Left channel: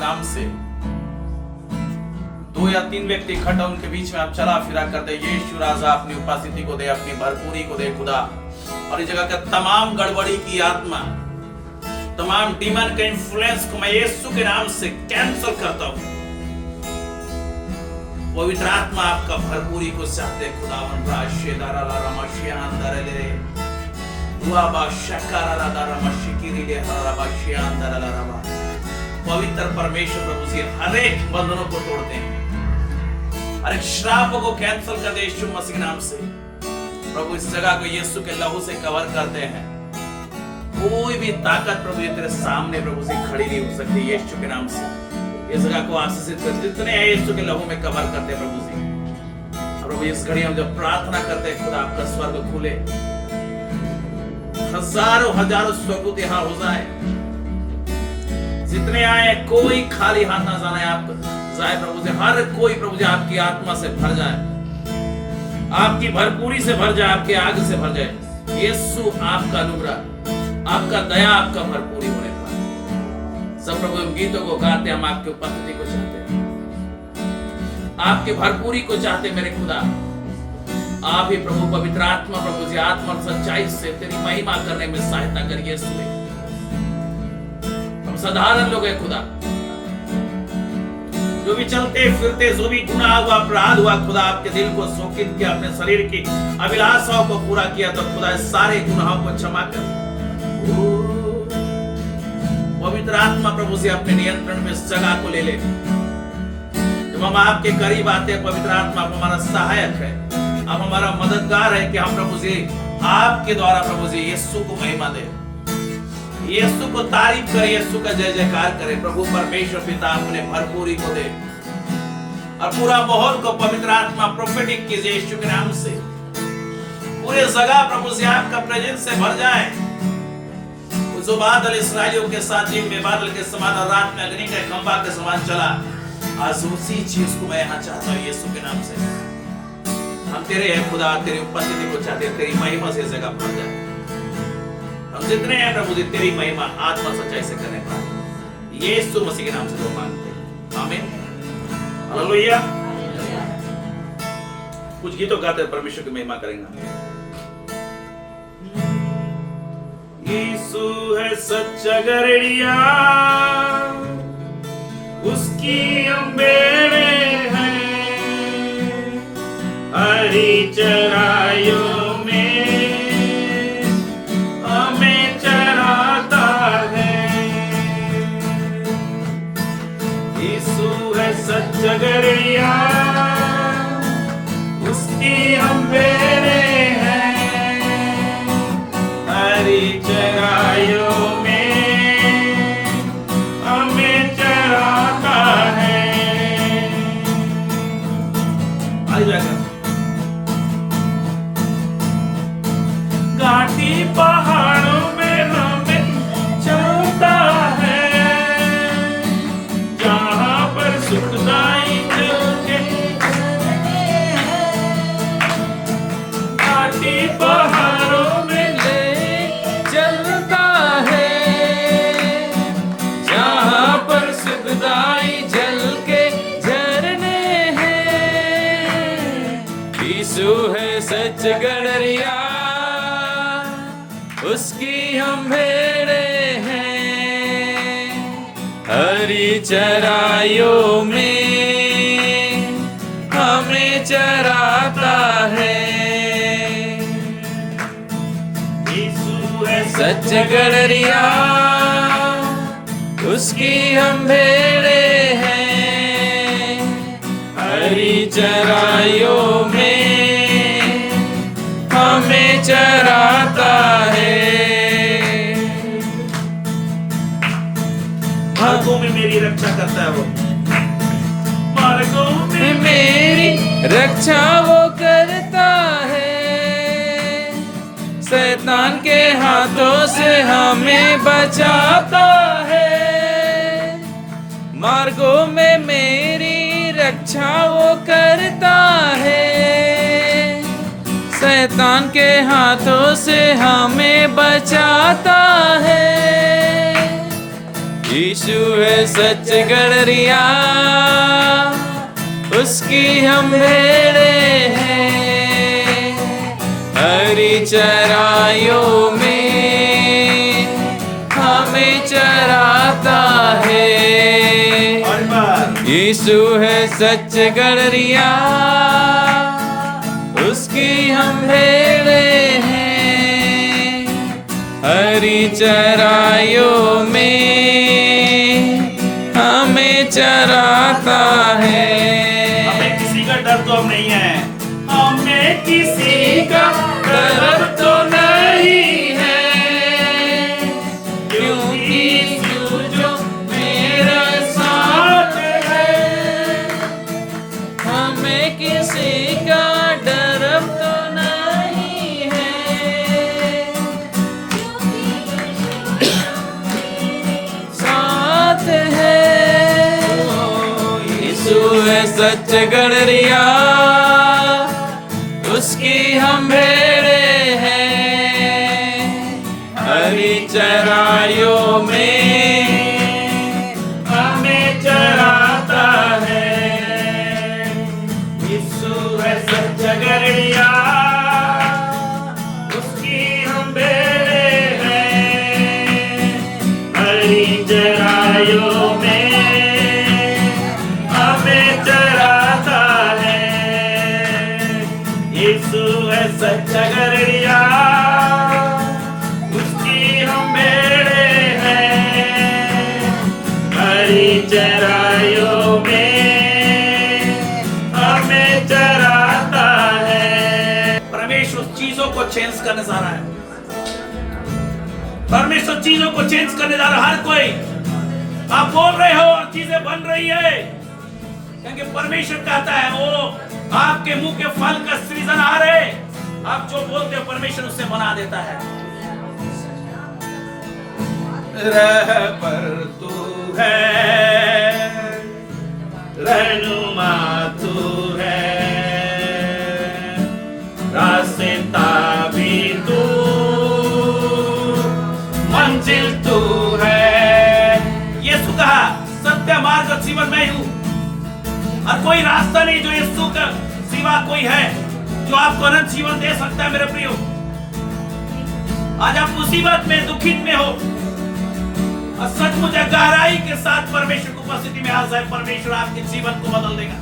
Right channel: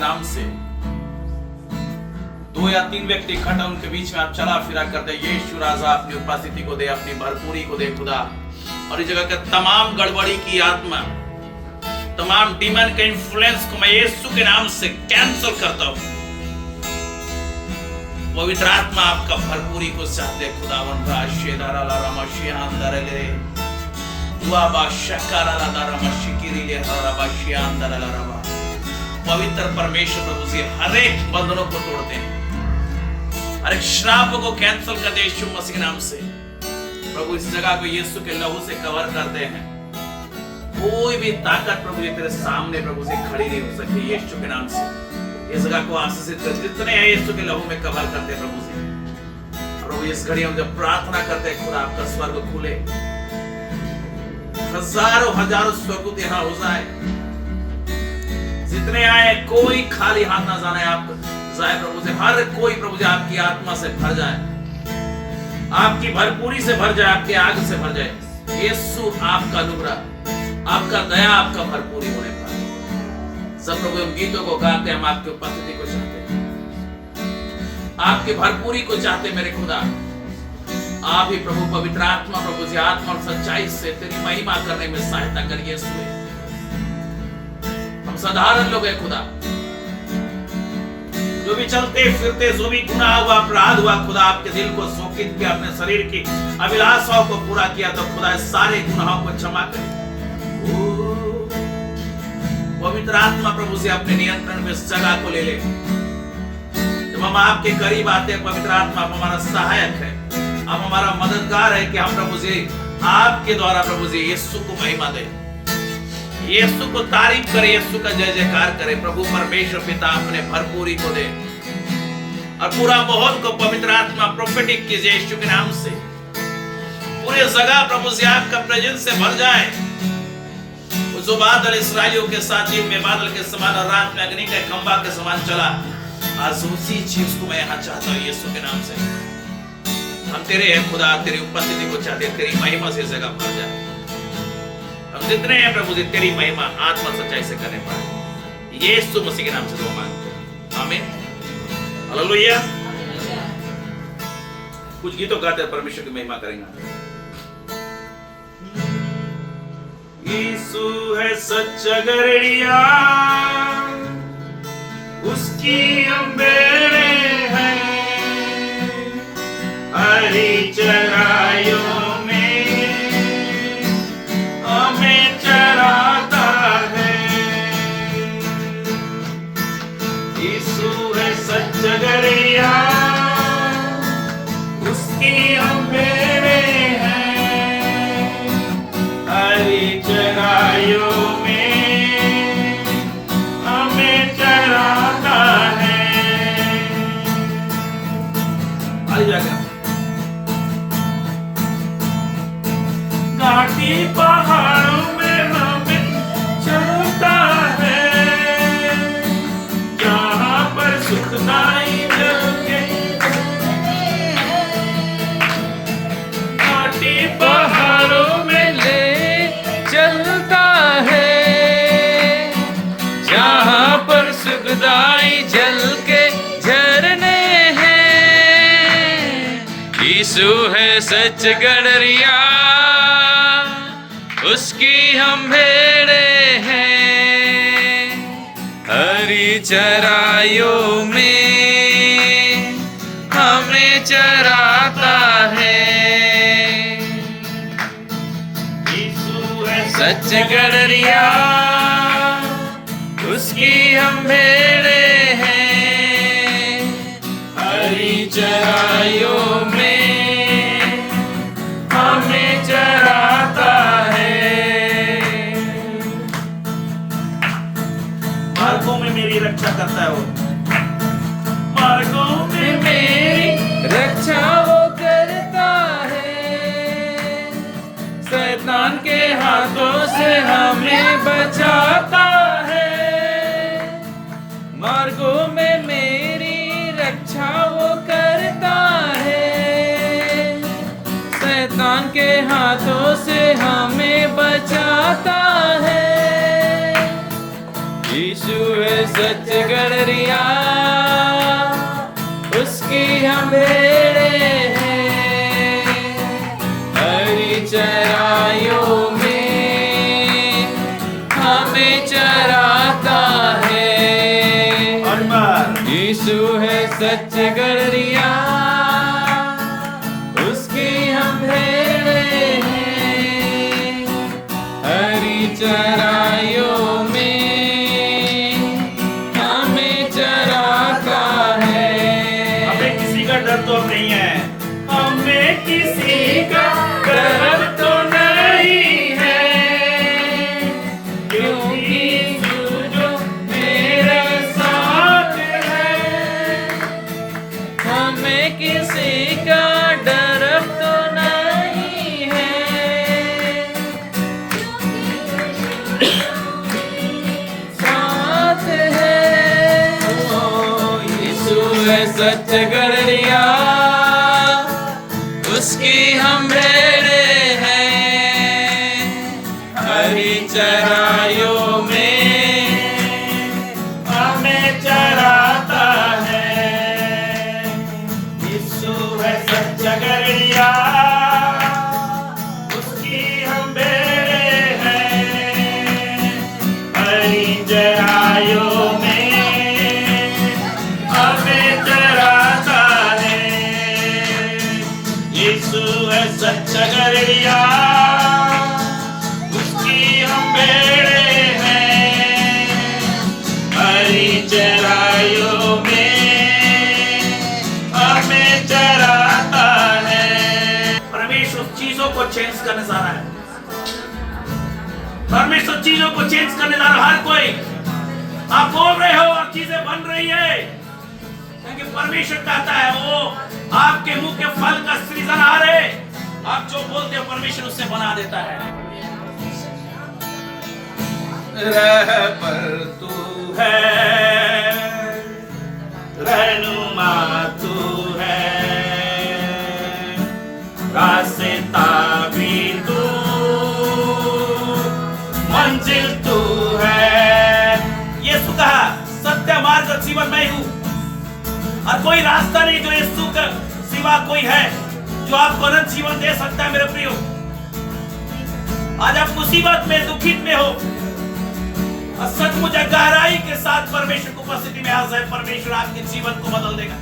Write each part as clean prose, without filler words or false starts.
नाम से 2 या 3 व्यक्ति इकट्ठा उनके बीच में आप चला फिरा करते। यीशु राजा अपनी उपस्थिति को दे, अपनी भरपूरी को दे खुदा। और इस जगह के तमाम गड़बड़ी की आत्मा, तमाम डीमन के इन्फ्लुएंस को मैं यीशु के नाम से कैंसिल करता हूं। पवित्र आत्मा आपका भरपूरी को चाहते खुदावन। राशेदारा रामाशिया अंदर ले दुआ बा शकारा ला दारा मशिकिरी ले हराबाशिया अंदर ला रबा। पवित्र परमेश्वर प्रभु से हर एक बंधनों को तोड़ते हैं, हर एक श्राप को कैंसिल कर दे यीशु मसीह के नाम से। प्रभु इस जगह को यीशु के लहू से कवर करते हैं। कोई भी ताकत प्रभु ये तेरे सामने प्रभु से खड़ी नहीं हो सकती यीशु के नाम से। इस जगह को आशीषित कर, जितने हैं यीशु के लहू में कवर करते हैं प्रभु से। और प्रभु इस घड़ी हम जब प्रार्थना करते हैं खुदा आपका स्वर्ग खुले, हजारों हजारों स्वर्गदूत यहाँ हो जाए, जितने आए कोई खाली हाथ ना जाना आप जाए प्रभु से। हर कोई प्रभु जी आपकी आत्मा से भर जाए, आपकी भरपूरी से भर जाए, आपके आग से भर जाए। यीशु आपका अनुग्रह, आपका दया, आपका भरपूरी होने पर सब प्रभु हम गीतों को गाते, हम आपकी उपस्थिति को चाहते हैं, आपकी भरपूरी को चाहते मेरे खुदा। आप ही प्रभु पवित्र आत्मा प्रभु जी आत्मा और सच्चाई से तेरी महिमा करने में सहायता करिए। हम साधारण लोग हैं खुदा, जो भी चलते फिरते, जो भी गुनाह हुआ, अपराध हुआ खुदा, आपके दिल को शोकित किया, अपने शरीर की अभिलाषाओं को पूरा किया, तो खुदा सारे गुनाहों को क्षमा कर। पवित्र आत्मा प्रभु से अपने नियंत्रण में इस जगह को ले ले। जब हम आपके करीब आते हैं पवित्र आत्मा हमारा सहायक है, अब हमारा मददगार है कि हम प्रभु जी आपके द्वारा प्रभु जी यीशु को महिमा दे, यीशु को तारीफ करे, यीशु का जय जयकार करे। प्रभु परमेश्वर पिता अपने भरपूरी को दे और पूरा माहौल को पवित्र आत्मा प्रोफेटिक कीजिए यीशु के नाम से। पूरे जगह प्रभु जी आपका प्रेजेंस से भर जाए। जो बादल इस्राएलियों के साथ दिन में बादल के समान और रात में अग्नि का खंभा के समान चला, आज उसी चीज को मैं यहाँ चाहता हूँ यीशु के नाम से। हम तेरे हैं खुदा, तेरी उपस्थिति को चाहते हैं, तेरी महिमा से जगह भर जाए। हम जितने हैं प्रभु जी तेरी महिमा आत्मा सच्चाई से करने पाए, यीशु मसीह के नाम से दुआ मांगते हैं, आमीन, हालेलुया। कुछ गीतों गाते परमेश्वर की महिमा करेंगे। यीशु है सच्चा गड़रिया, उसकी हम बेड़े हैं, हरी चराइयों में हमें चराता है। यीशु है सच्चा गड़रिया, उसकी हम बेड़े हैं, हरी चराइयों में हमें चराता है। घाटी पहाड़ों में हमें चराता है, जहाँ पर सुखदाई जगह, घाटी पहाड़ों में ले चलता है, जहाँ पर सुखदाई जल के झरने हैं। यीशु है सच गड़रिया, उसकी हम भेड़े हैं, हरी चराइयों में हमें चराता है। यीशु है सच गड़रिया, उसकी हम भेड़े हैं, हरी चराइयों में हमें चराता है। मार्गों में मेरी रक्षा करता है वो, मार्गों में मेरी रक्षा वो करता है, शैतान के हाथों से हमें बचाता है। मार्गों में मेरी रक्षा वो करता है, शैतान के हाथों से हमें बचाता है। यीशु है सच गड़रिया, उसकी हम भेड़े हैं, हरी चराइयों में हमें चराता है। यीशु है सच गड़रिया, उसकी हम भेड़े हैं, हरी चराइयों में हमें चराता है। हमें किसी का डर तो नहीं है, हमें किसी का डर तो नहीं है, क्योंकि यीशु जो मेरा साथ है, हमें किसी का डर तो नहीं है, साथ है। यीशु है सच गड़रिया, उसकी हम भेड़े हैं, हरी चराइयों में हमें चराता है। यीशु है सच गड़रिया, उसकी हम भेड़े हैं, हरी चराइयों में हमें चराता है। यीशु है सच गड़रिया, उसकी हम भेड़े हैं, हरी चराइयों में हमें चराता है। परमेश्वर चीजों को चेंज करने जा रहा है, परमेश्वर चीजों को चेंज करने जा रहा है। हर कोई आप बोल रहे हो और चीजें बन रही है, क्योंकि परमेश्वर कहता है वो आपके मुंह के फल का सृजनहार है। आप जो बोलते हो परमेश्वर उससे बना देता है। रहबर तू है, रहनुमा तू है, रास्ता भी तू, मंजिल तू है। यीशु कहा सत्य मार्ग और जीवन मैं हूं, और कोई रास्ता नहीं जो यीशु का सिवा कोई है जो आपको अनंत जीवन दे सकता है। मेरे प्रियो, आज आप मुसीबत में, दुखित में हो और सचमुच गहराई के साथ परमेश्वर की उपस्थिति में आ जाए, परमेश्वर आपके जीवन को बदल देगा।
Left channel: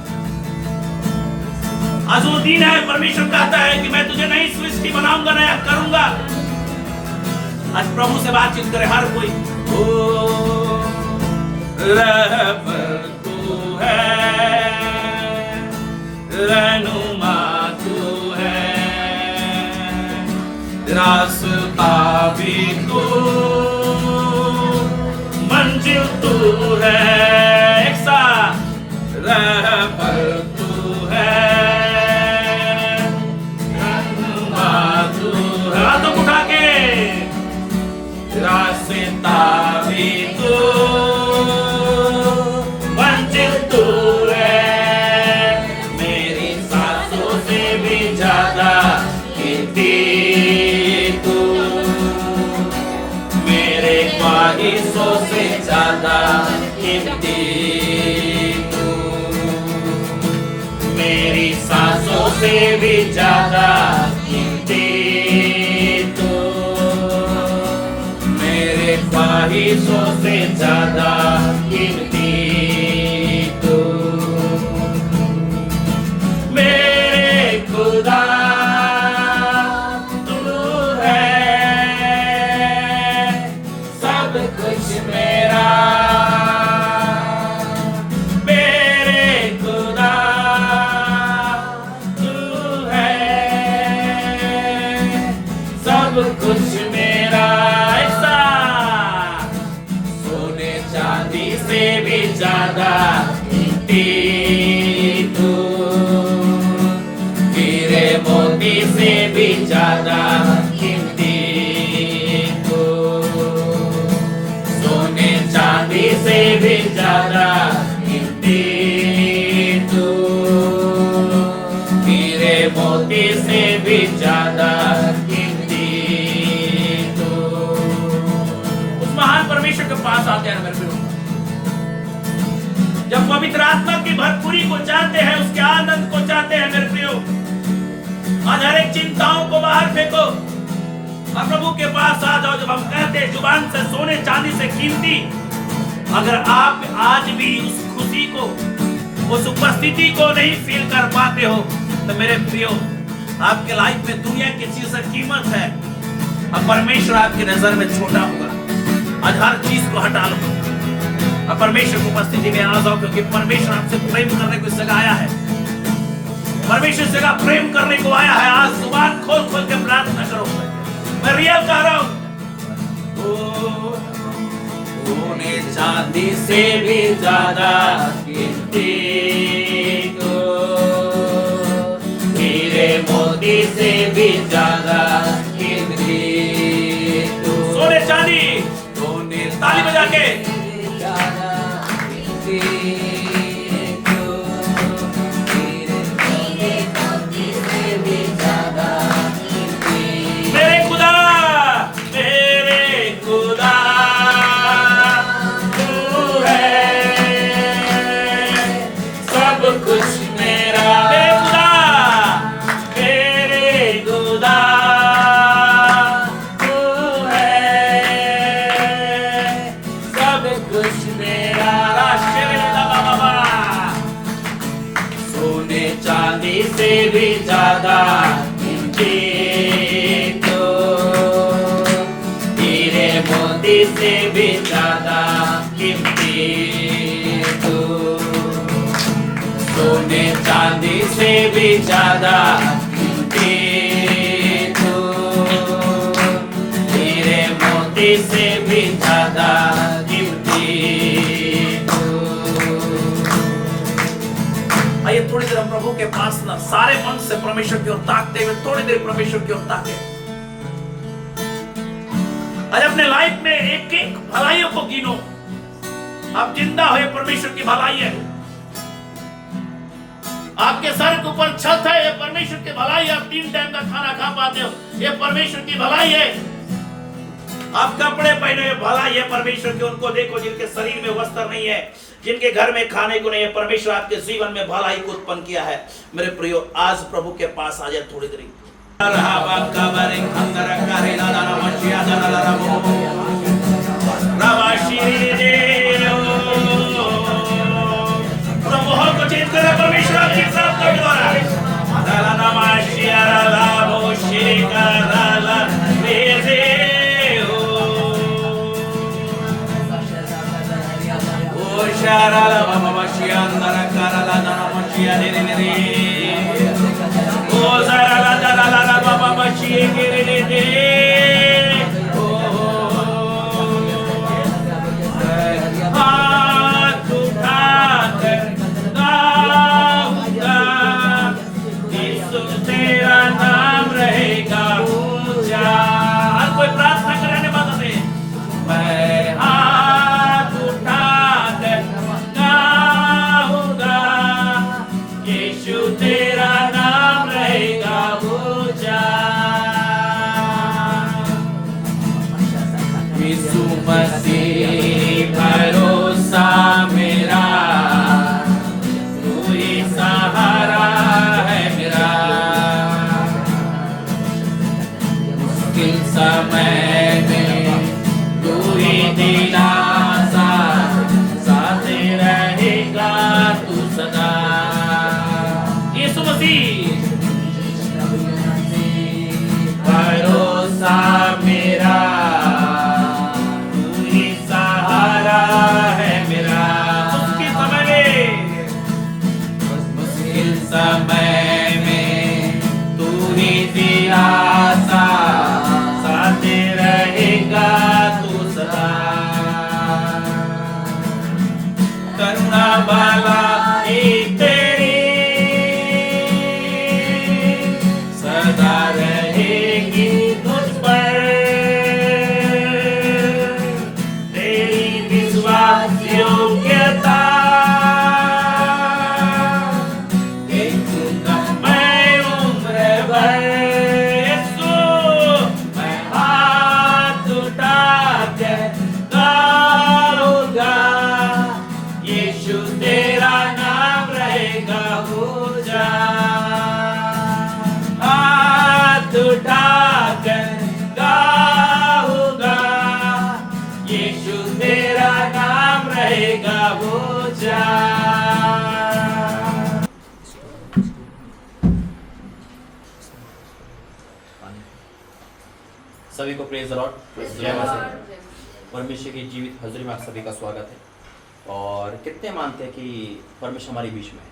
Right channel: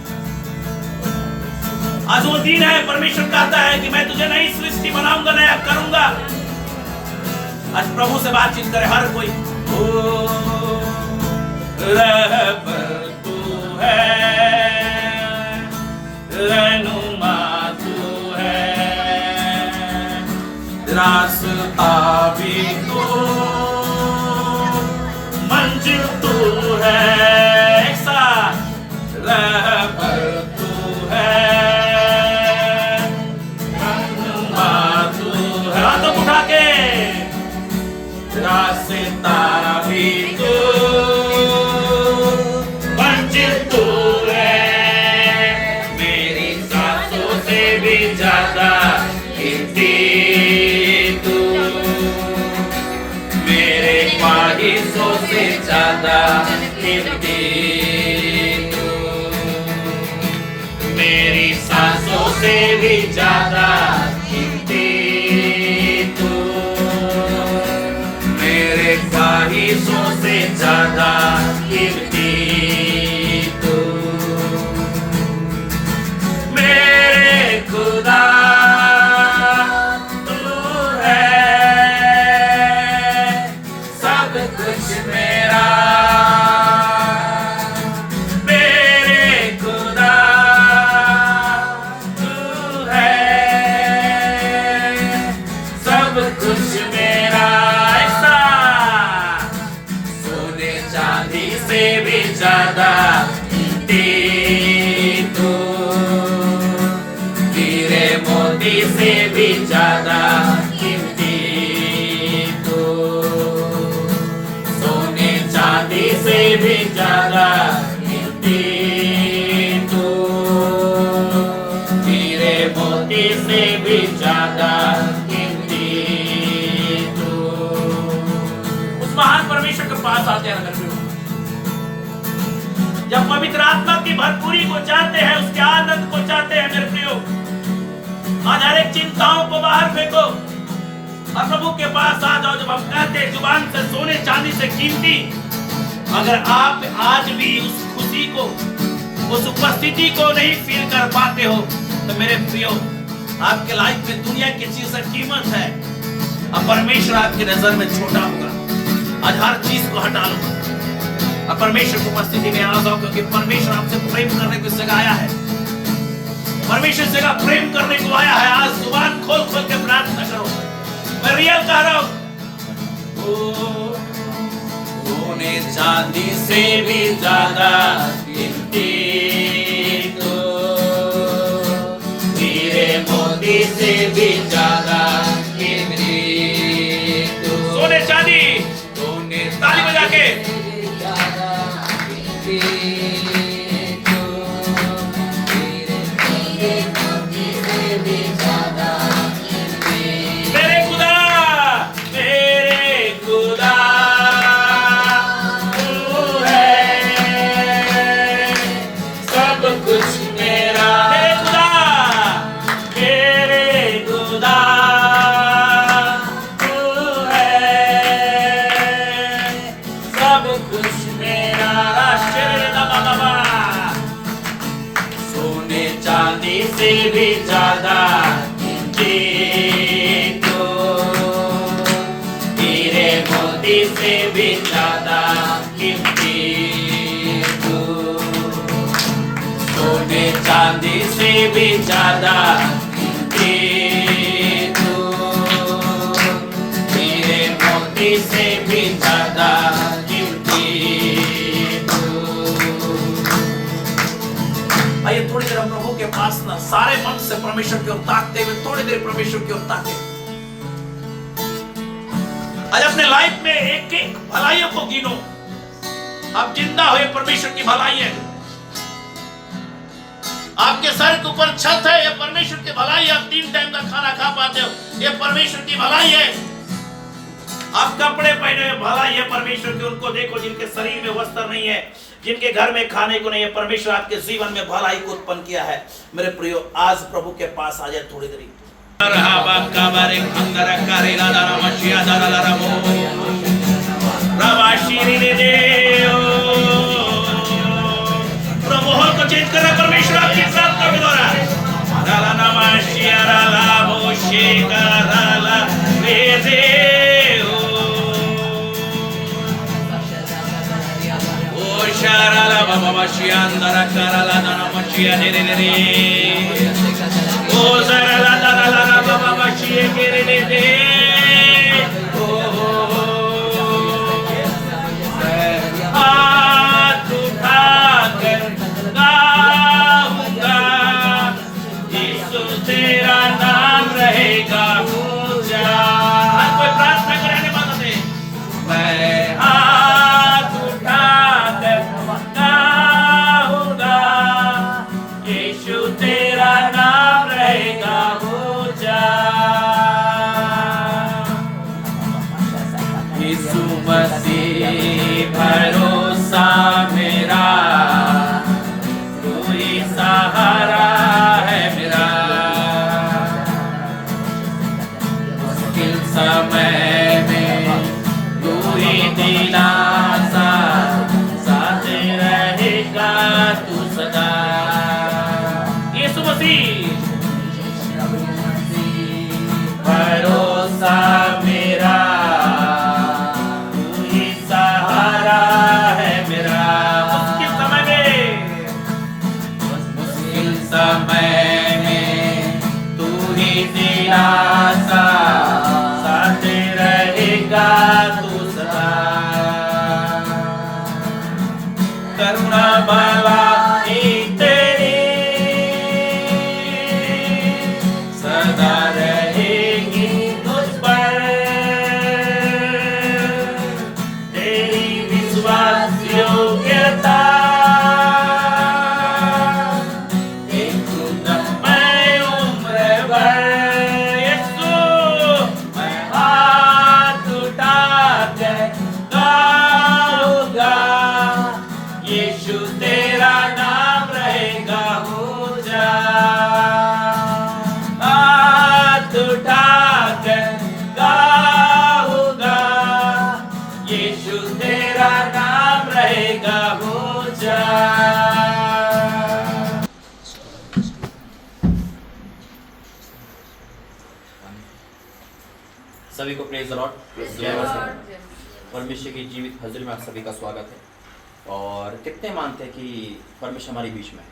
आज वो दिन है, परमेश्वर कहता है कि मैं तुझे नई सृष्टि बनाऊंगा, नया करूंगा। आज प्रभु से बातचीत करे हर कोई। रहबर तू है, रहनुमा तू है, रास्ता भी तू, मंजिल तू है। एक साथ रहबर तू है, रहनुमा तू है। हाथों को उठा के रास्ता भी तू, मंजिल तू है। मेरी सांसों से भी ज्यादा कीमती तू, मेरे ख्वाहिशों से ज्यादा कीमती तू, मेरी सांसों से भी ज्यादा कीमती तू, मेरे ख्वाहिशों से ज्यादा कीमती तू। मेरे खुदा तू है, सब कुछ मेरा। मेरे खुदा तू है, सब कुछ मेरा। ऐसा सोने चांदी से भी ज्यादा कीमती तू, हीरे मोती से भी ज्यादा कीमती तू, सोने चांदी से भी ज्यादा कीमती तू, हीरे मोती से भी ज्यादा कीमती तू। उस महान परमेश्वर के पास आते हैं। और पवित्र आत्मा की भरपूरी को चाहते हैं, उसके आनंद को चाहते हैं मेरे प्रियो। आज हर एक चिंताओं को बाहर फेंको और प्रभु के पास आ जाओ। जब हम कहते हैं जुबान से सोने चांदी से कीमती, अगर आप आज भी उस खुशी को, उस उपस्थिति को नहीं फील कर पाते हो, तो मेरे प्रियो आपके लाइफ में दुनिया की चीज से कीमत है और परमेश्वर आपकी नजर में छोटा होगा। आज हर चीज को हटा लो और परमेश्वर की उपस्थिति में आ जाओ, क्योंकि परमेश्वर आपसे प्रेम करने को इस जगह आया है। परमेश्वर इस जगह प्रेम करने को आया है। आज जुबान खोल खोल के प्रार्थना करो। मैं रियल कह रहा हूं, सोने चांदी से भी ज्यादा कीमती तो, हीरे मोती से भी ज्यादा कीमती तो, सोने चांदी सोने ताली बजा के ज्यादा कीमती तो, हीरे मोती से भी ज्यादा कीमती। मेरे खुदा, मेरे खुदा तू है सब कुछ मेरा, मेरे खुदा, तू है सब कुछ मेरा। सोने चांदी से भी ज्यादा कीमती तो, हीरे मोती से भी ज्यादा कीमती तो, सोने चांदी से भी ज्यादा कीमती तो, हीरे मोती से भी ज्यादा कीमती तो। आइए थोड़ी देर हम प्रभु के पास ना सारे मन से परमेश्वर की ओर ताकते हुए थोड़ी देर परमेश्वर की ओर ताके। आज अपने लाइफ में एक एक भलाइयों को गिनो। आप जिंदा हो, ये परमेश्वर की भलाई है। आपके सर के ऊपर छत है, ये परमेश्वर की भलाई है। आप 3 टाइम का खाना खा पाते हो, ये परमेश्वर की भलाई है। आप कपड़े पहने, भलाई है परमेश्वर की। उनको देखो जिनके शरीर में वस्त्र नहीं है, जिनके घर में खाने को नहीं है, परमेश्वर आपके जीवन में भलाई को उत्पन्न किया है। मेरे प्रियो, आज प्रभु के पास आ जाए थोड़ी देर। प्रभु को चेंज करना, परमेश्वर आपके साथ का द्वारा हाथ उठाकर गाऊंगा, यीशु तेरा नाम रहेगा ऊंचा। आज कोई प्रार्थना करने वाला नहीं। मैं हाथ उठाकर गाऊंगा, यीशु तेरा नाम रहेगा ऊंचा। यीशु मसीह भरोसा मेरा, तू ही सहारा है मेरा। मुश्किल समय में तू ही दिलासा, साथ रहेगा तू सदा। यीशु मसीह भरोसा मेरा, तू ही सहारा है मेरा। मुश्किल समय में, मुश्किल समय में तू ही दिलासा, साथ रहेगा तू सदा। करुणा भलाई तेरी सदा रहेगी मुझ पर, तेरी विश्वास योग्यता देखूंगा मैं उम्र भर। यीशु मैं हाथ उठाकर गाऊंगा, यीशु तेरा नाम रहेगा ऊंचा। हाथ उठाकर गाऊंगा, यीशु तेरा नाम रहेगा ऊंचा। सभी को प्रेज द लॉर्ड, जय मसीह। परमेश्वर की जीवित हाजिरी में आप सभी का स्वागत है। और कितने मानते हैं कि परमेश्वर हमारे बीच में है?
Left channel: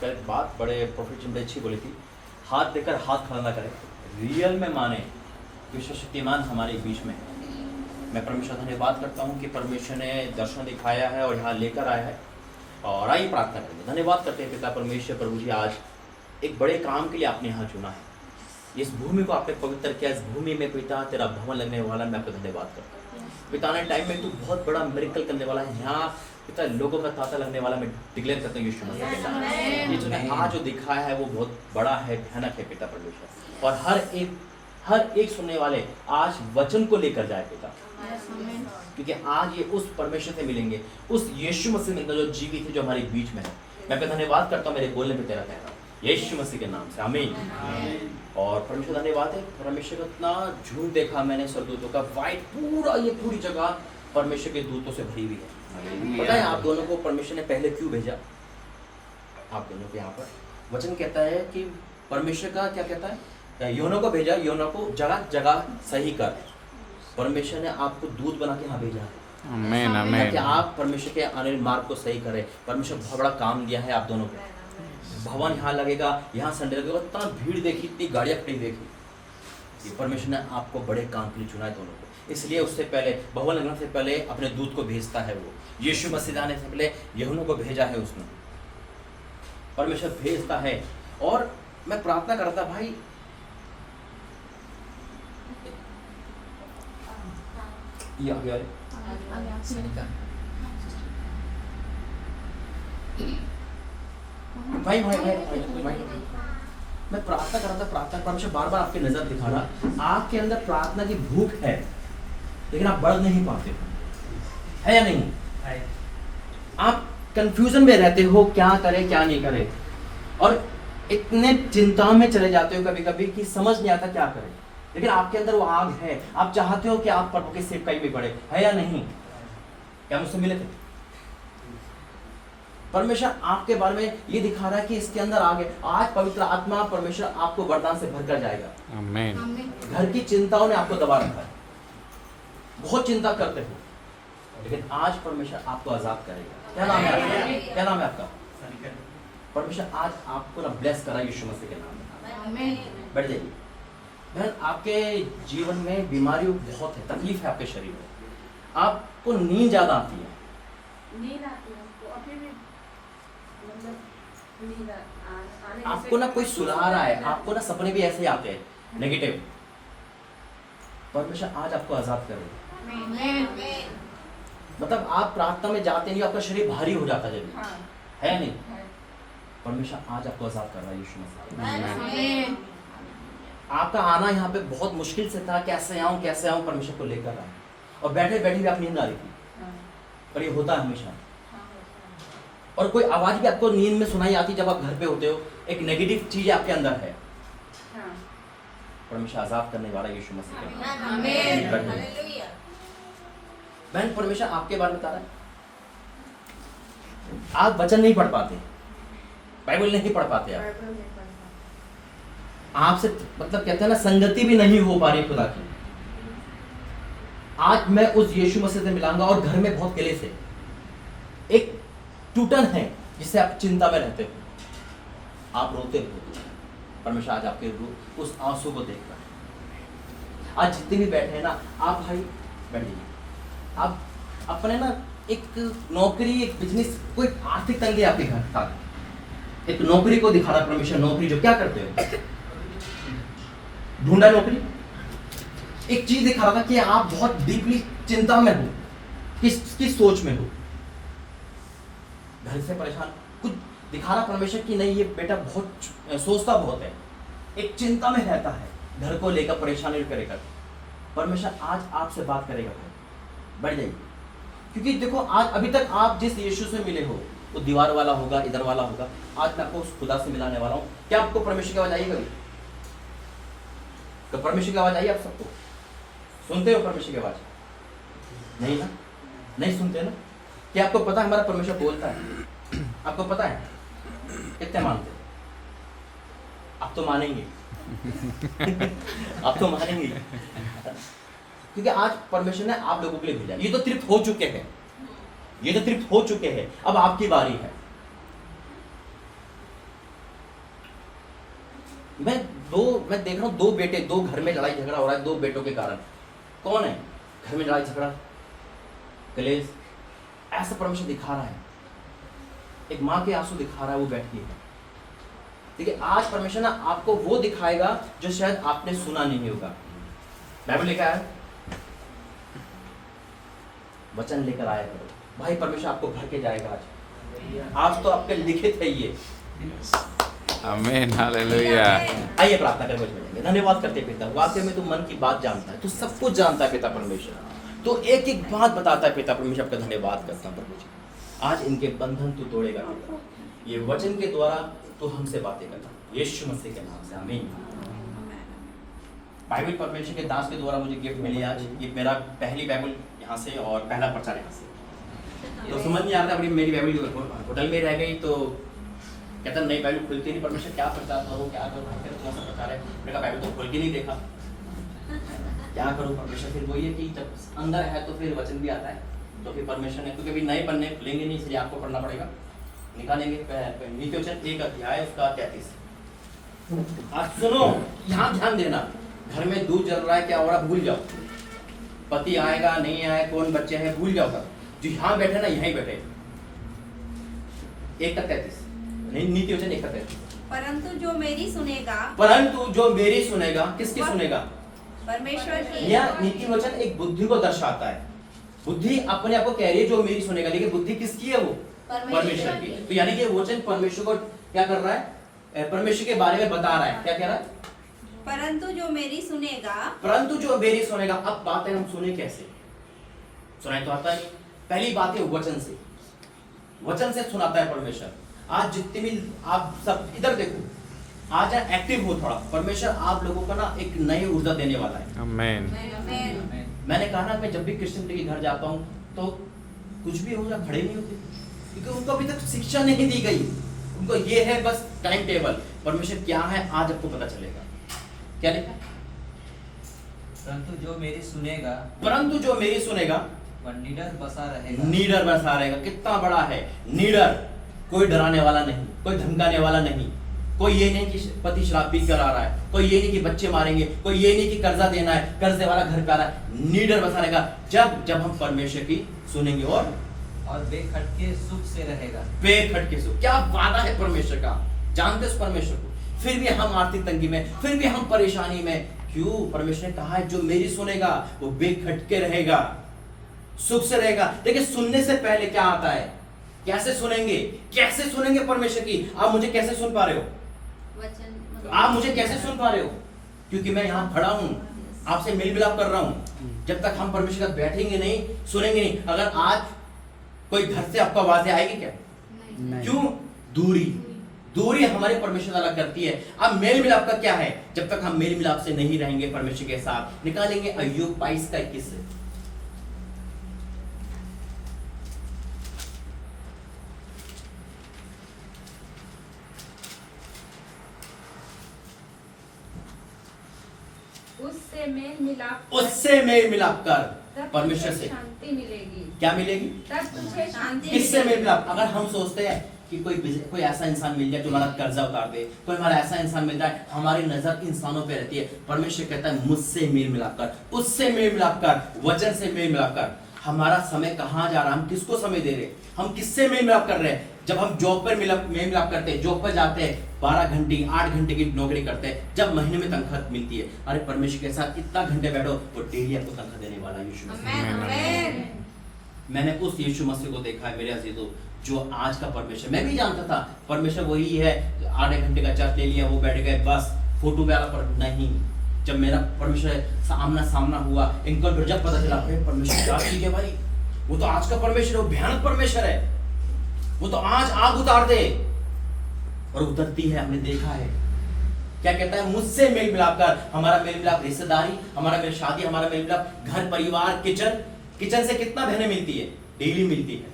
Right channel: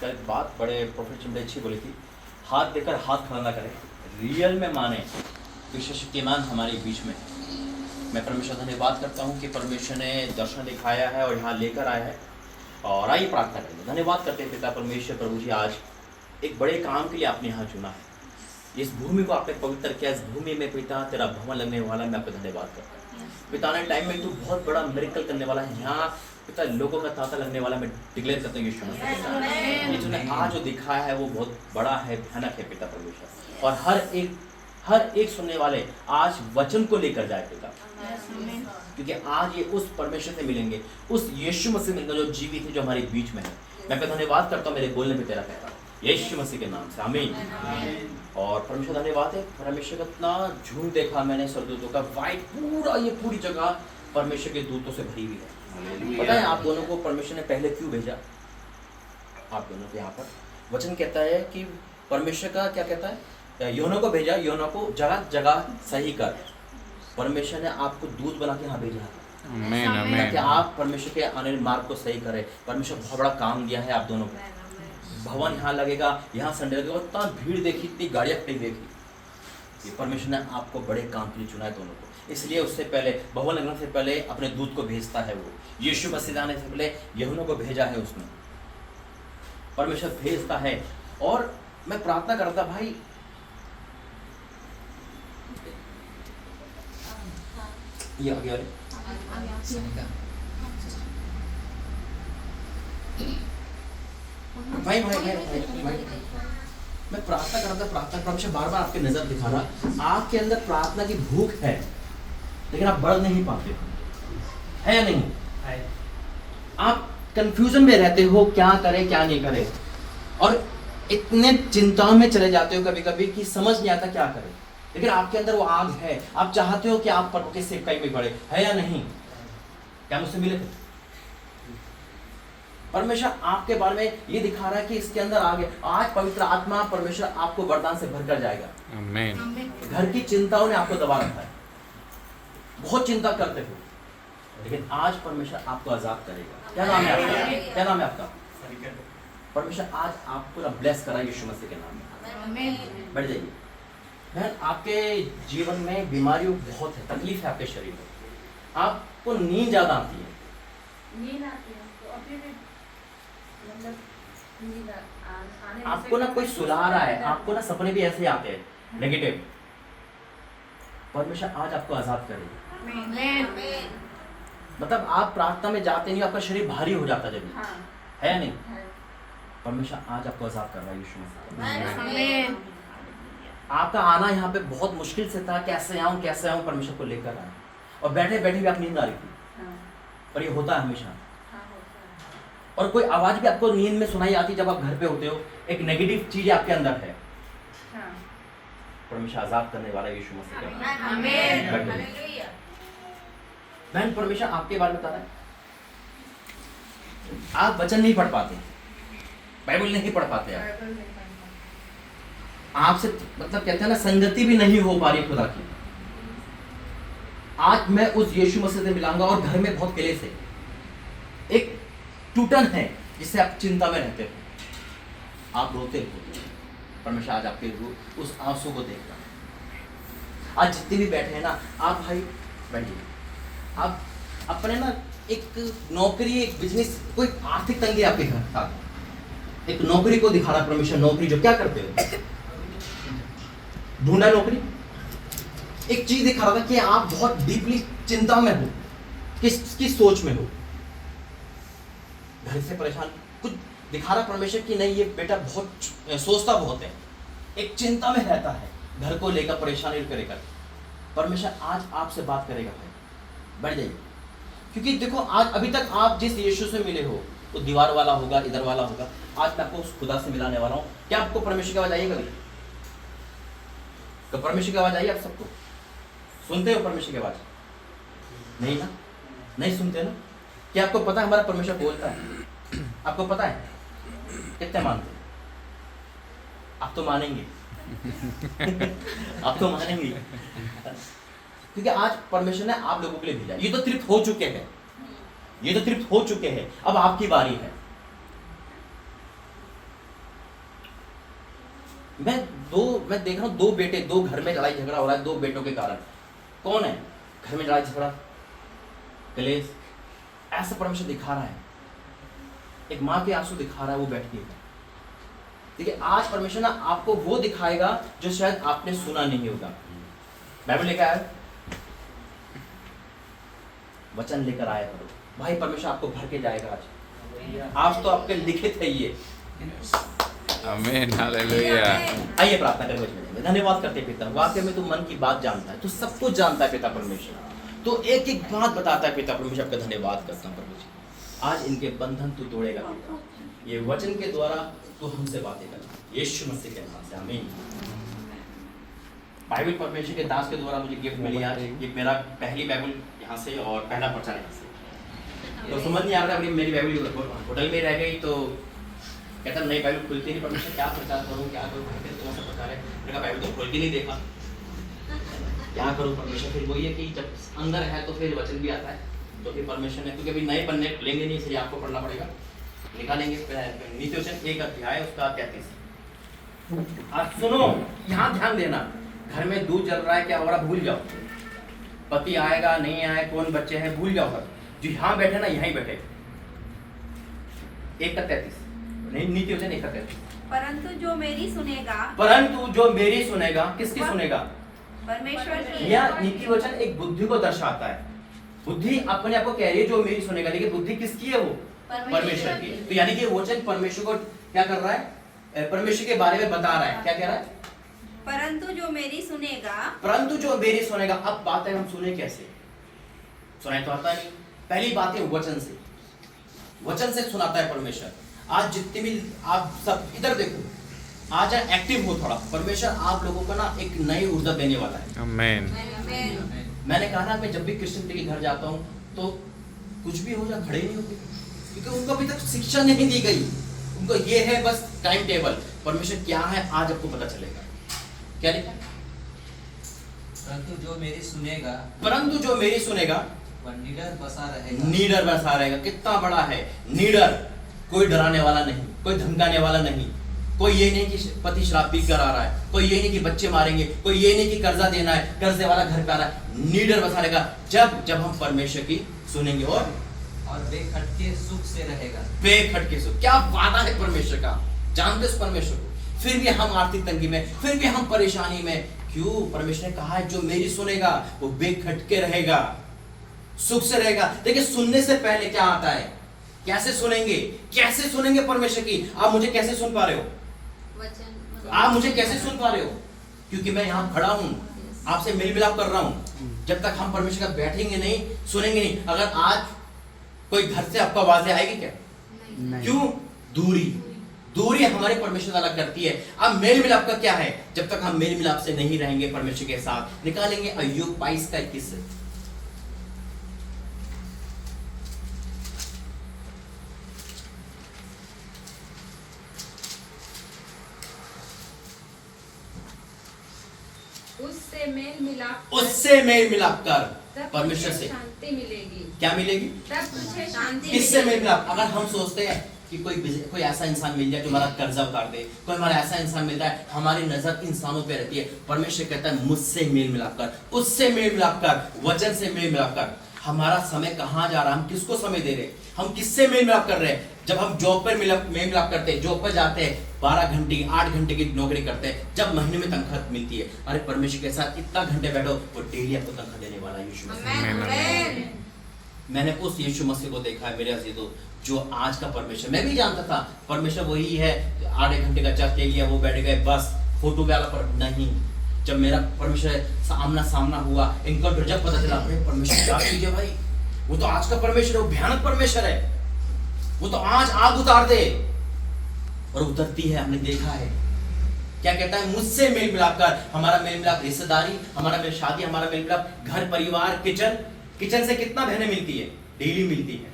कल एक बात बड़े प्रोफेट ने अच्छी बोली थी, हाथ देकर हाथ खड़ा ना करें, रियल में माने कि शक्तिमान हमारे बीच में है। मैं परमेश्वर धन्यवाद करता हूँ कि परमेश्वर ने दर्शन दिखाया है और यहाँ लेकर आया है। और आइए प्रार्थना करेंगे। धन्यवाद करते हैं पिता परमेश्वर, प्रभु जी आज एक बड़े काम के लिए आपने यहाँ चुना है। इस भूमि को आपने पवित्र किया। इस भूमि में पिता तेरा भवन लगने वाला, मैं आपका धन्यवाद करता हूँ। पिता ने टाइम में तू बहुत बड़ा मिरेकल करने वाला है। यहाँ पिता लोगों का तांता लगने वाला, मैं डिक्लेयर करता हूँ यीशु मसीह के नाम में। ये तूने आज जो दिखाया है वो बहुत बड़ा है, भयानक है पिता परमेश्वर। और हर एक सुनने वाले आज वचन को लेकर जाए पिता, क्योंकि आज ये उस परमेश्वर से मिलेंगे, उस यीशु मसीह मिलेंगे जो जीवित है, जो हमारे बीच में है। मैं आपका धन्यवाद करता हूँ मेरे बोलने पे तेरा कहता हूँ यीशु मसीह के नाम से, आमीन। और परमेश्वर धन्यवाद है, परमेश्वर का इतना झूठ देखा मैंने स्वर्गदूतों का, वाइट पूरा ये पूरी जगह परमेश्वर के दूतों से भरी हुई है। पता है आप दोनों को परमेश्वर ने पहले क्यों भेजा? आप दोनों को यहाँ पर वचन कहता है कि परमेश्वर का क्या कहता है, योना को भेजा, योना को जगह जगह सही कर। परमेश्वर ने आपको दूत बना के यहाँ भेजा है, आमीन आमीन, कि आप परमेश्वर के आने मार्ग को सही करें। परमेश्वर बहुत बड़ा काम दिया है आप दोनों को। भवन यहाँ लगेगा, यहाँ संडे लगेगा, इतना भीड़ देखी, इतनी गाड़ियाँ खड़ी देखी। ये परमेश्वर ने आपको बड़े काम के लिए चुना है दोनों को। इसलिए उससे पहले, भवन लगने से पहले अपने दूत को भेजता है वो। यीशु मसीह आने से पहले यूहन्ना को भेजा है उसने, परमेश्वर भेजता है। और मैं प्रार्थना करता भाई, ये आ गया भाई भाई भाई भाई, मैं प्रार्थना कर रहा था, प्रार्थना परमेश्वर बार बार आपकी नजर दिखा रहा, आपके अंदर प्रार्थना की भूख है, लेकिन आप बढ़ नहीं पाते, है या नहीं? है। आप कंफ्यूजन में रहते हो, क्या करें क्या नहीं करें, और इतने चिंता में चले जाते हो कभी कभी कि समझ नहीं आता क्या करें। लेकिन आपके अंदर वो आग है, आप चाहते हो कि आप प्रभु के सेवकाई में बढ़े, है या नहीं? क्या मुझसे मिले थे? परमेश्वर आपके बारे में ये दिखा रहा है कि इसके अंदर आगे आज पवित्र आत्मा परमेश्वर आपको वरदान से भरकर जाएगा। आमीन। घर की चिंताओं ने आपको दबा रखा है, बहुत चिंता करते हो, लेकिन आज परमेश्वर आपको आजाद करेगा। क्या नाम है आपका? क्या नाम है आपका? परमेश्वर आज आपको ना ब्लेस करा यीशु मसीह के नाम में। बैठ जाइए। बहन, आपके जीवन में बीमारी बहुत है, तकलीफ है आपके शरीर में, आपको नींद ज्यादा आती है। नींद आती है अभी भी, मतलब नींद आने आपको ना कोई सुला रहा है, आपको ना सपने भी ऐसे आते हैं नेगेटिव। परमेश्वर आज आपको आजाद करेगा। मतलब आप प्रार्थना में जाते नहीं, आपका शरीर भारी हो जाता जब, है या नहीं? परमेश्वर आज आपको आजाद कर रहा है यीशु मसीह। आपका आना यहाँ पे बहुत मुश्किल से था, कैसे आऊं परमेश्वर को लेकर आया, और बैठे बैठे भी आप नींद आ रही थी, पर ये होता है हमेशा। और कोई आवाज भी आपको नींद में सुनाई आती जब आप घर पे होते हो, एक नेगेटिव चीज आपके अंदर है, परमेश्वर आजाद करने वाला यीशु मसीह। बहन, परमेश्वर आपके बारे में बता रहा है, आप वचन नहीं पढ़ पाते, बाइबल नहीं पढ़ पाते, आपसे मतलब कहते हैं ना, संगति भी नहीं हो पा रही खुदा की। आज मैं उस यीशु मसीह से मिलाऊंगा, और घर में बहुत क्लेश है, एक टूटन है जिससे आप चिंता में रहते हो, आप रोते हो। परमेश्वर आज आपके उस आंसू को देख रहा है। आज जितने भी बैठे हैं ना, आप भाई बैठिए, आप अपने ना एक नौकरी, एक बिजनेस, कोई आर्थिक तंगी आपके घर साथ, एक नौकरी को दिखा रहा परमेश्वर। नौकरी जो क्या करते हो, ढूंढा नौकरी, एक चीज दिखा रहा था कि आप बहुत डीपली चिंता में हो, किसकी सोच में हो, घर से परेशान, कुछ दिखा रहा परमेश्वर कि नहीं ये बेटा बहुत सोचता बहुत है, एक चिंता में रहता है, घर को लेकर परेशानी करेगा। परमेश्वर आज आपसे बात करेगा भाई, बैठ जाइए। क्योंकि देखो आज अभी तक आप जिस यीशु से मिले हो वो दीवार वाला होगा, इधर वाला होगा। आज मैं आपको उस खुदा से मिलाने वाला हूँ। क्या आपको परमेश्वर की आवाज आई कभी? कब परमेश्वर की आवाज आई आप सबको? सुनते हो परमेश्वर की आवाज? नहीं ना, नहीं सुनते ना। क्या आपको पता है हमारा परमेश्वर बोलता है? आपको पता है? कितने मानते? आप तो मानेंगे आप तो मानेंगे क्योंकि आज परमेश्वर ने आप लोगों के लिए भेजा। ये तो तृप्त हो चुके हैं, ये तो तृप्त हो चुके हैं, अब आपकी बारी है। मैं देख रहा हूं दो बेटे, दो घर में लड़ाई झगड़ा हो रहा है दो बेटों के कारण। कौन है घर में लड़ाई झगड़ा, कलेश? ऐसा परमेश्वर दिखा रहा है, एक माँ के आंसू दिखा रहा है वो बैठ के। देखिए आज परमेश्वर ना आपको वो दिखाएगा जो शायद आपने सुना नहीं होगा। बाइबल लेकर आया, वचन लेकर आया करो भाई, परमेश्वर आपको भर के जाएगा। आज तो आपके लिखित है ये। आमीन, हालेलुया। आइए प्रार्थना करके जाएंगे। धन्यवाद करते पिता, वाकई में तू मन की बात जानता है, तू सब कुछ जानता है पिता परमेश्वर, तो एक एक बात बताता है पिता परमेश्वर। आपका धन्यवाद करता हूँ प्रभु जी, आज इनके बंधन तू तोड़ेगा पिता, ये वचन के द्वारा तू हमसे बातें करना यीशु मसीह के नाम से, आमीन। बाइबल परमेश्वर के दास के द्वारा मुझे गिफ्ट मिली आज। ये मेरा पहली बाइबल यहाँ से और पहला प्रचार यहाँ से। तो समझ नहीं आता, मेरी बाइबल होटल में रह गई तो कहता नई बाइबल खुलती नहीं, परमेश्वर क्या प्रचार करूँ क्या करूँ, कौन सा प्रचार है। मैंने कहा बाइबल तो खोल के नहीं देखा, क्या करूँ परमेश्वर। फिर वही है कि जब अंदर है तो फिर वचन भी आता है, तो फिर परमेश्वर ने, क्योंकि अभी नए पन्ने खुलेंगे नहीं इसलिए आपको पढ़ना पड़ेगा। निकालेंगे नीति वचन 1 अध्याय उसका 33। आज सुनो, यहाँ ध्यान देना, घर में दूध जल रहा है क्या हो रहा भूल जाओ, पति आएगा नहीं आए, कौन बच्चे हैं भूल जाओ सब, जो यहाँ बैठे ना यहीं बैठे। 1:33 नीति वचन 1:33। परंतु जो मेरी सुनेगा, परंतु जो मेरी सुनेगा, किसकी सुनेगा? परमेश्वर की। यह नीति वचन एक बुद्धि को दर्शाता है। बुद्धि अपने आप को कह रही है जो मेरी सुनेगा, लेकिन बुद्धि किसकी है? वो परमेश्वर की। तो यानी कि वचन परमेश्वर को क्या कर रहा है? परमेश्वर के बारे में बता रहा है। क्या कह रहा है? परंतु जो मेरी सुनेगा, परंतु जो मेरी सुनेगा। अब बात है हम सुने कैसे? सुनाई तो आता नहीं। पहली बात है वचन से, वचन से सुनाता है परमेश्वर। आज जितने भी आप सब इधर देखो, आज एक्टिव हो थोड़ा, परमेश्वर आप लोगों का ना एक नई ऊर्जा देने वाला है। आमीन। मैंने कहा ना, मैं जब भी क्रिश्चियन के घर जाता हूँ तो कुछ भी हो जाए खड़े नहीं होते, क्योंकि उनको अभी तक शिक्षा नहीं दी गई। उनको ये है बस टाइम टेबल, परमेश्वर क्या है आज आपको पता चलेगा। क्या लिखा? परंतु जो मेरी सुनेगा, परंतु जो मेरी सुनेगा वह निडर बसा रहेगा। नीडर बसा रहेगा। कितना बड़ा है नीडर, कोई डराने वाला नहीं, कोई धमकाने वाला नहीं, कोई ये नहीं कि पति शराब पी कर आ रहा है, कोई ये नहीं कि बच्चे मारेंगे, कोई ये नहीं कि कर्जा देना है, कर्जे वाला घर पे आ रहा है। नीडर बसा रहेगा जब हम परमेश्वर की सुनेंगे और बेखटके सुख से रहेगा। बेखटके सुख। क्या वादा है परमेश्वर का, जानते उस परमेश्वर को। फिर भी हम आर्थिक तंगी में, फिर भी हम परेशानी में, क्यों? परमेश्वर ने कहा है जो मेरी सुनेगा वो बेखटके रहेगा, सुख से रहेगा। देखिए सुनने से पहले क्या आता है? कैसे सुनेंगे? कैसे सुनेंगे परमेश्वर की? आप मुझे कैसे सुन पा रहे हो? आप मुझे कैसे सुन पा रहे हो? क्योंकि मैं यहाँ खड़ा हूँ, आपसे मेल मिलाप कर रहा हूँ। जब तक हम परमेश्वर का बैठेंगे नहीं, सुनेंगे नहीं। अगर आज कोई घर से आपको आवाजें आएगी क्या? क्यों? दूरी हमारे परमेश्वर से अलग करती है। अब मेल मिलाप का क्या है? जब तक हम मेल मिलाप से नहीं रहेंगे परमेश्वर के साथ। निकालेंगे अय्यूब 22:21 से। उससे मेल मिलाप कर परमेश्वर से शांति मिलेगी। क्या मिलेगी? तब तुझे शांति किससे मेल मिलाप? अगर हम सोचते हैं कि कोई ऐसा इंसान मिल जाए जो हमारा कर्जा उतार दे, कोई हमारा ऐसा इंसान मिल जाए, हमारी नजर इंसानों पे रहती है। परमेश्वर कहता है मुझसे मेल मिलाप कर, उससे मेल मिलाप कर, वचन से मेल मिलाप कर। हमारा समय कहाँ जा रहा है? हम किसको समय दे रहे हैं? हम किससे मेल मिलाप कर रहे हैं? जब हम जॉब पर मेल मिलाप करते हैं, जॉब पर जाते हैं, 12 घंटे 8 घंटे की नौकरी करते हैं, जब महीने में तनख्वाह मिलती है, अरे परमेश्वर के साथ इतना घंटे बैठो, वो डेली आपको तनख्वाह देने वाला है यीशु मसीह। मैंने उस यीशु मसीह को देखा है मेरे अजीजों, जो आज का परमेश्वर। मैं भी जानता था परमेश्वर वही है, 8 घंटे का चर्च ले लिया, वो बैठ गए बस, फोटो वाला पर नहीं। जब मेरा परमेश्वर सामना हुआ, इनको जब पता चला, अरे परमेश्वर क्या चीज है भाई, वो तो आज का परमेश्वर है, वो भयानक परमेश्वर है। वो तो आज आग उतार दे, और उतरती है, हमने देखा है। क्या कहता है, मुझसे मेल मिलाप कर। हमारा मेल मिलाप रिश्तेदारी, हमारा मेल शादी, हमारा मेल मिलाप घर परिवार, किचन से कितना बहनें मिलती है, डेली मिलती है।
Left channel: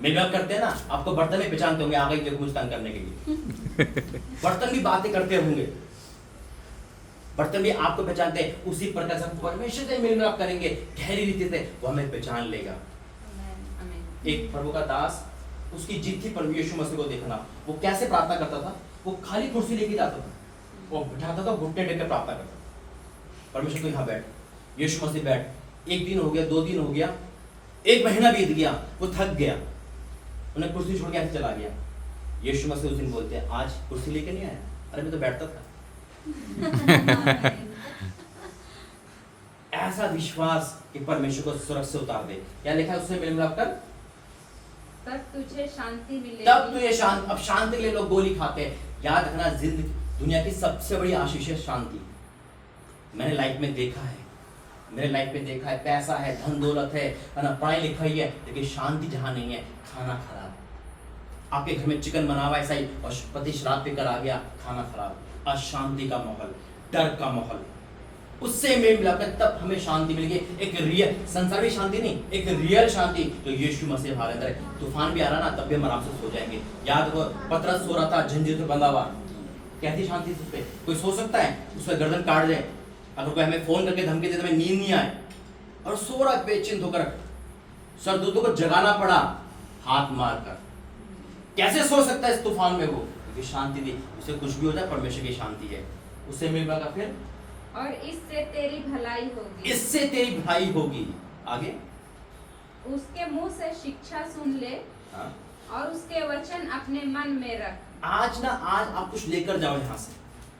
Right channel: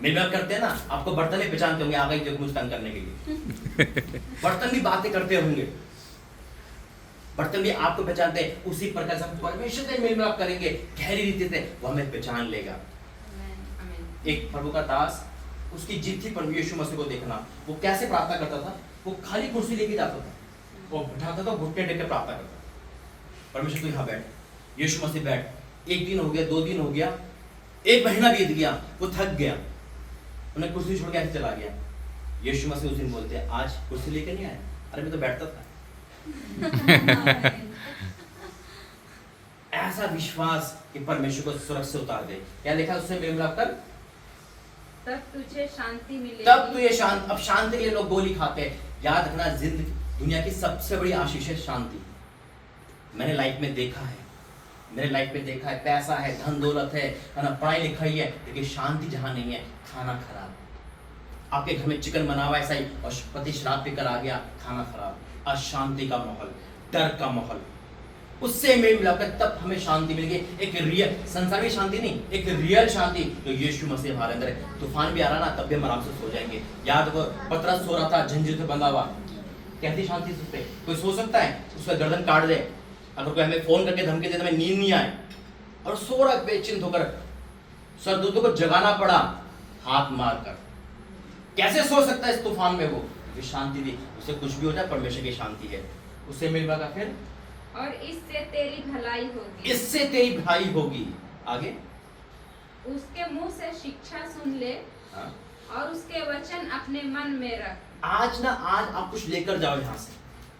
मेल मिलाप करते हैं ना, आपको बर्तन भी पहचानते होंगे, आ गई देखो मुझे तंग करने के लिए। बर्तन भी बातें करते होंगे, बर्तन भी आपको पहचानते हैं। उसी प्रकार से हम परमेश्वर से मेल मिलाप करेंगे गहरी रीति से, वो हमें पहचान लेगा। एक प्रभु का दास, उसकी जीत थी प्रभु यीशु मसीह को देखना। वो कैसे प्रार्थना करता था, वो खाली कुर्सी लेके जाता था, वो बिठाता था, घुटने टेक के प्रार्थना करता। परमेश्वर तू यहाँ बैठ, यीशु मसीह बैठ। एक दिन हो गया, 2 दिन हो गया, 1 महीना बीत गया, वो थक गया, उन्हें कुर्सी छोड़ के ऐसे चला गया। यीशु मसीह उस दिन बोलते हैं, आज कुर्सी लेके नहीं आया? अरे मैं तो बैठता था। ऐसा विश्वास कि परमेश्वर को स्वर्ग से उतार दे। क्या लिखा उससे मेल मिलाप कर, तब तुझे शांति मिलेगी। तब तुझे शांत। अब शांति के लिए लोग गोली खाते हैं। याद रखना, जिंदगी दुनिया की सबसे बड़ी आशीष है शांति। मैंने लाइफ में देखा है, मेरे लाइफ में देखा है, पैसा है, धन दौलत है ना, पढ़ाई लिखाई है, लेकिन शांति जहां नहीं है, खाना खराब। आपके घर में चिकन बना हुआ ऐसा ही, और पति शराब पीकर आ गया, खाना खराब, अशांति का माहौल, डर का माहौल। उससे मेल मिलाकर तब हमें शांति मिलेगी। एक रियल संसार में शांति नहीं, एक रियल शांति तो यीशु मसीह हमारे अंदर है। तूफान भी आ रहा ना, तब भी हम आराम से सो जाएंगे। याद वो पतरस सो रहा था झंझट से बंधा हुआ, कैसी शांति उस पे कोई सो सकता है? उसका गर्दन काट दे, अगर कोई हमें फोन करके धमकी दे तो हमें नींद नहीं आए, और सो रहा बेचिंत होकर, सरदूतों को जगाना पड़ा हाथ मार कर। कैसे सो सकता है इस तूफान में? वो शांति दी, उसे कुछ भी हो जाए परमेश्वर की शांति है। उससे मिल पाएगा फिर, और इससे तेरी भलाई होगी। इससे तेरी भलाई होगी। आगे, उसके मुंह से शिक्षा सुन ले, हाँ? और उसके वचन अपने मन में रख। आज आप कुछ लेकर जाओ यहाँ से।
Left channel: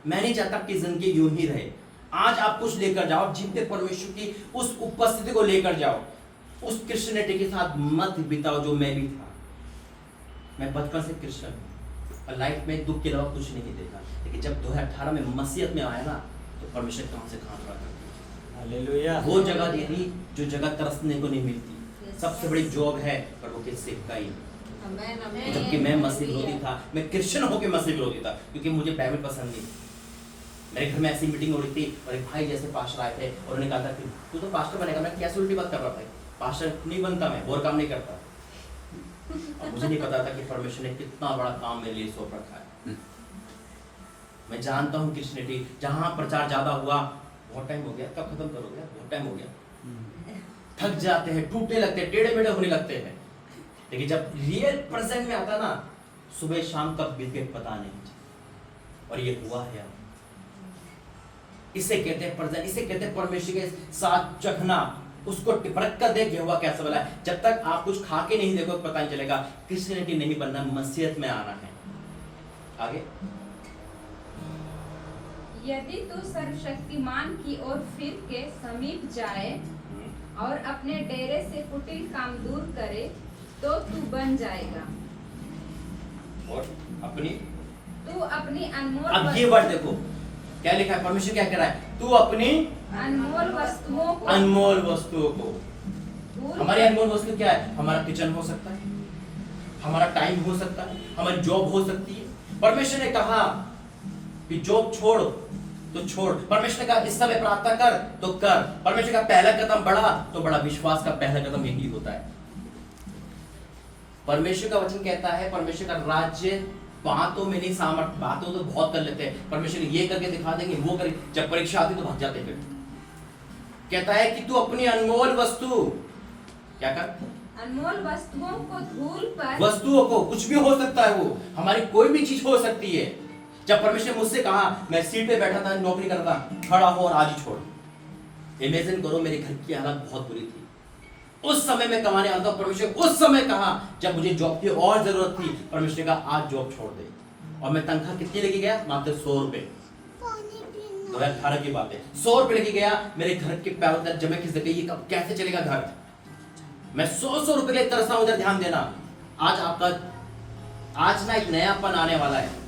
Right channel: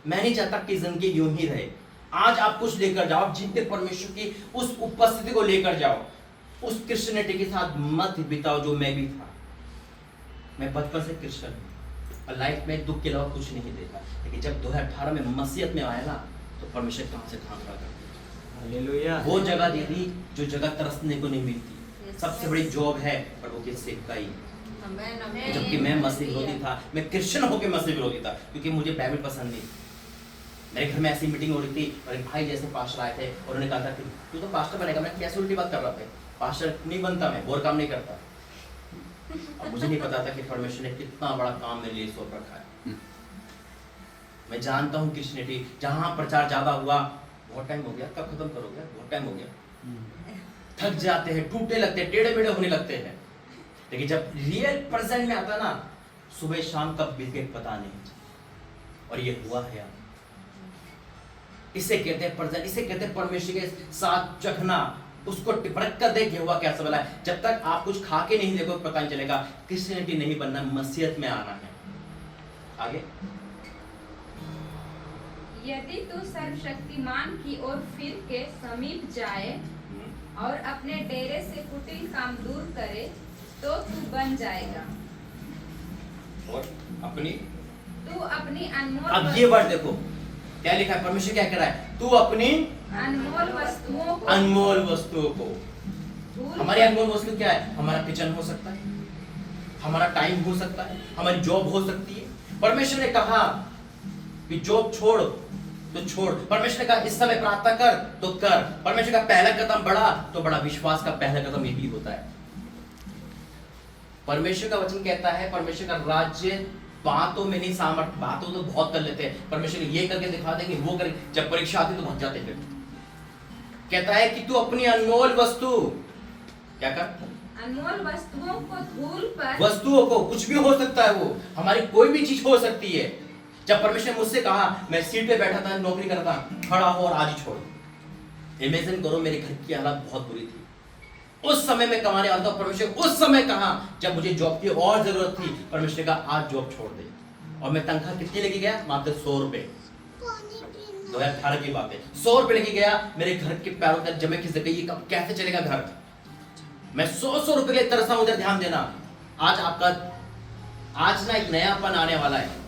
मैं नहीं चाहता कि जिंदगी यूं ही रहे। आज आप कुछ लेकर जाओ, जीवते परमेश्वर की उस उपस्थिति को लेकर जाओ। उस क्रिश्चियनिटी के साथ मत बिताओ जो मैं भी था। मैं बचपन से क्रिश्चियन हूँ और लाइफ में दुख के अलावा कुछ नहीं देखा, लेकिन जब 2018 में मसीहत में आया ना, तो परमेश्वर कहाँ से कहाँ खड़ा कर दिया। हालेलुया। वो जगह दी थी जो जगह तरसने को नहीं मिलती। सबसे बड़ी जॉब है प्रभु की सेवकाई। जबकि मैं मसीह विरोधी था, मैं क्रिश्चियन होकर मसीह विरोधी था, क्योंकि मुझे बाइबल पसंद नहीं। मेरे घर में ऐसी मीटिंग हो रही थी और एक भाई जैसे पास्टर आए थे और उन्होंने कहा था कि तू तो पास्टर बनेगा। मैं कैसे उल्टी बात कर रहा था, पास्टर नहीं बनता, मैं और काम नहीं करता। अब मुझे नहीं पता था कि परमेश्वर ने कितना बड़ा काम मेरे लिए सौंप रखा है। मैं जानता हूँ क्रिश्चियनिटी जहाँ प्रचार ज्यादा हुआ, बहुत टाइम हो गया, कब खत्म करोगे? बहुत टाइम हो गया, थक जाते हैं, टूटने लगते हैं, टेढ़े मेढ़े होने लगते हैं। लेकिन जब रियल प्रेजेंट में आता ना, सुबह शाम कब बीत गए पता नहीं। और ये हुआ है। इसे कहते हैं प्रेजेंट, इसे कहते हैं परमेश्वर के साथ चखना, उसको परख कर देख हुआ कैसा वाला है। जब तक आप कुछ खा के नहीं देखो पता नहीं चलेगा। क्रिश्चियनिटी नहीं बनना, मसीहत में आना है। आगे, यदि तू सर्वशक्तिमान की ओर फिर के समीप जाए और अपने डेरे से कुटिल काम दूर करे, तो तू बन जाएगा। और अपनी, तू अपनी अनमोल अब ये वर्ड देखो क्या लिखा है, परमेश्वर क्या कह रहा है? तू अपनी अनमोल वस्तुओं को, अनमोल वस्तुओं को। भूल हमारी अनमोल वस्तु क्या है? हमारा किचन हो सकता है, हमारा टाइम हो सकता है, हमारी जॉब हो सकती है। परमेश्वर ने कहा कि जॉब छोड़ तो छोड़। परमेश्वर ने कहा इस समय प्रार्थना कर तो कर। परमेश्वर का पहला कदम बढ़ा तो बड़ा, विश्वास का पहला कदम यही होता है। परमेश्वर का वचन कहता है, परमेश्वर का राज्य बातों में नहीं, सामर्थ्य। बातों तो बहुत कर लेते हैं, परमेश्वर ने ये करके दिखा देंगे, वो कर, जब परीक्षा आती तो भाग जाते हैं। कहता है कि तू अपनी अनमोल वस्तु क्या कर, अनमोल वस्तुओं को धूल पर, वस्तुओं को, कुछ भी हो सकता है, वो हमारी कोई भी चीज हो सकती है। जब परमेश्वर ने मुझसे कहा, मैं सीट पे बैठा था, नौकरी कर रहा था, खड़ा हो और आज ही छोड़। इमेजिन करो मेरे घर की हालत बहुत बुरी थी, उस समय में कमाने वाला था। परमेश्वर उस समय कहा जब मुझे जॉब की और जरूरत थी, परमेश्वर ने कहा आज जॉब छोड़ दे। और मैं तनख्वाह कितनी लेके गया? मात्र 100 रुपए। 2018 की बात है, 100 रुपए लेके गया। मेरे घर के पैरों तक जमे खिसक गई, कब कैसे चलेगा घर? मैं 100 रुपए के लिए तरसा हूं। उधर ध्यान देना, आज आपका, आज ना एक नयापन आने वाला है,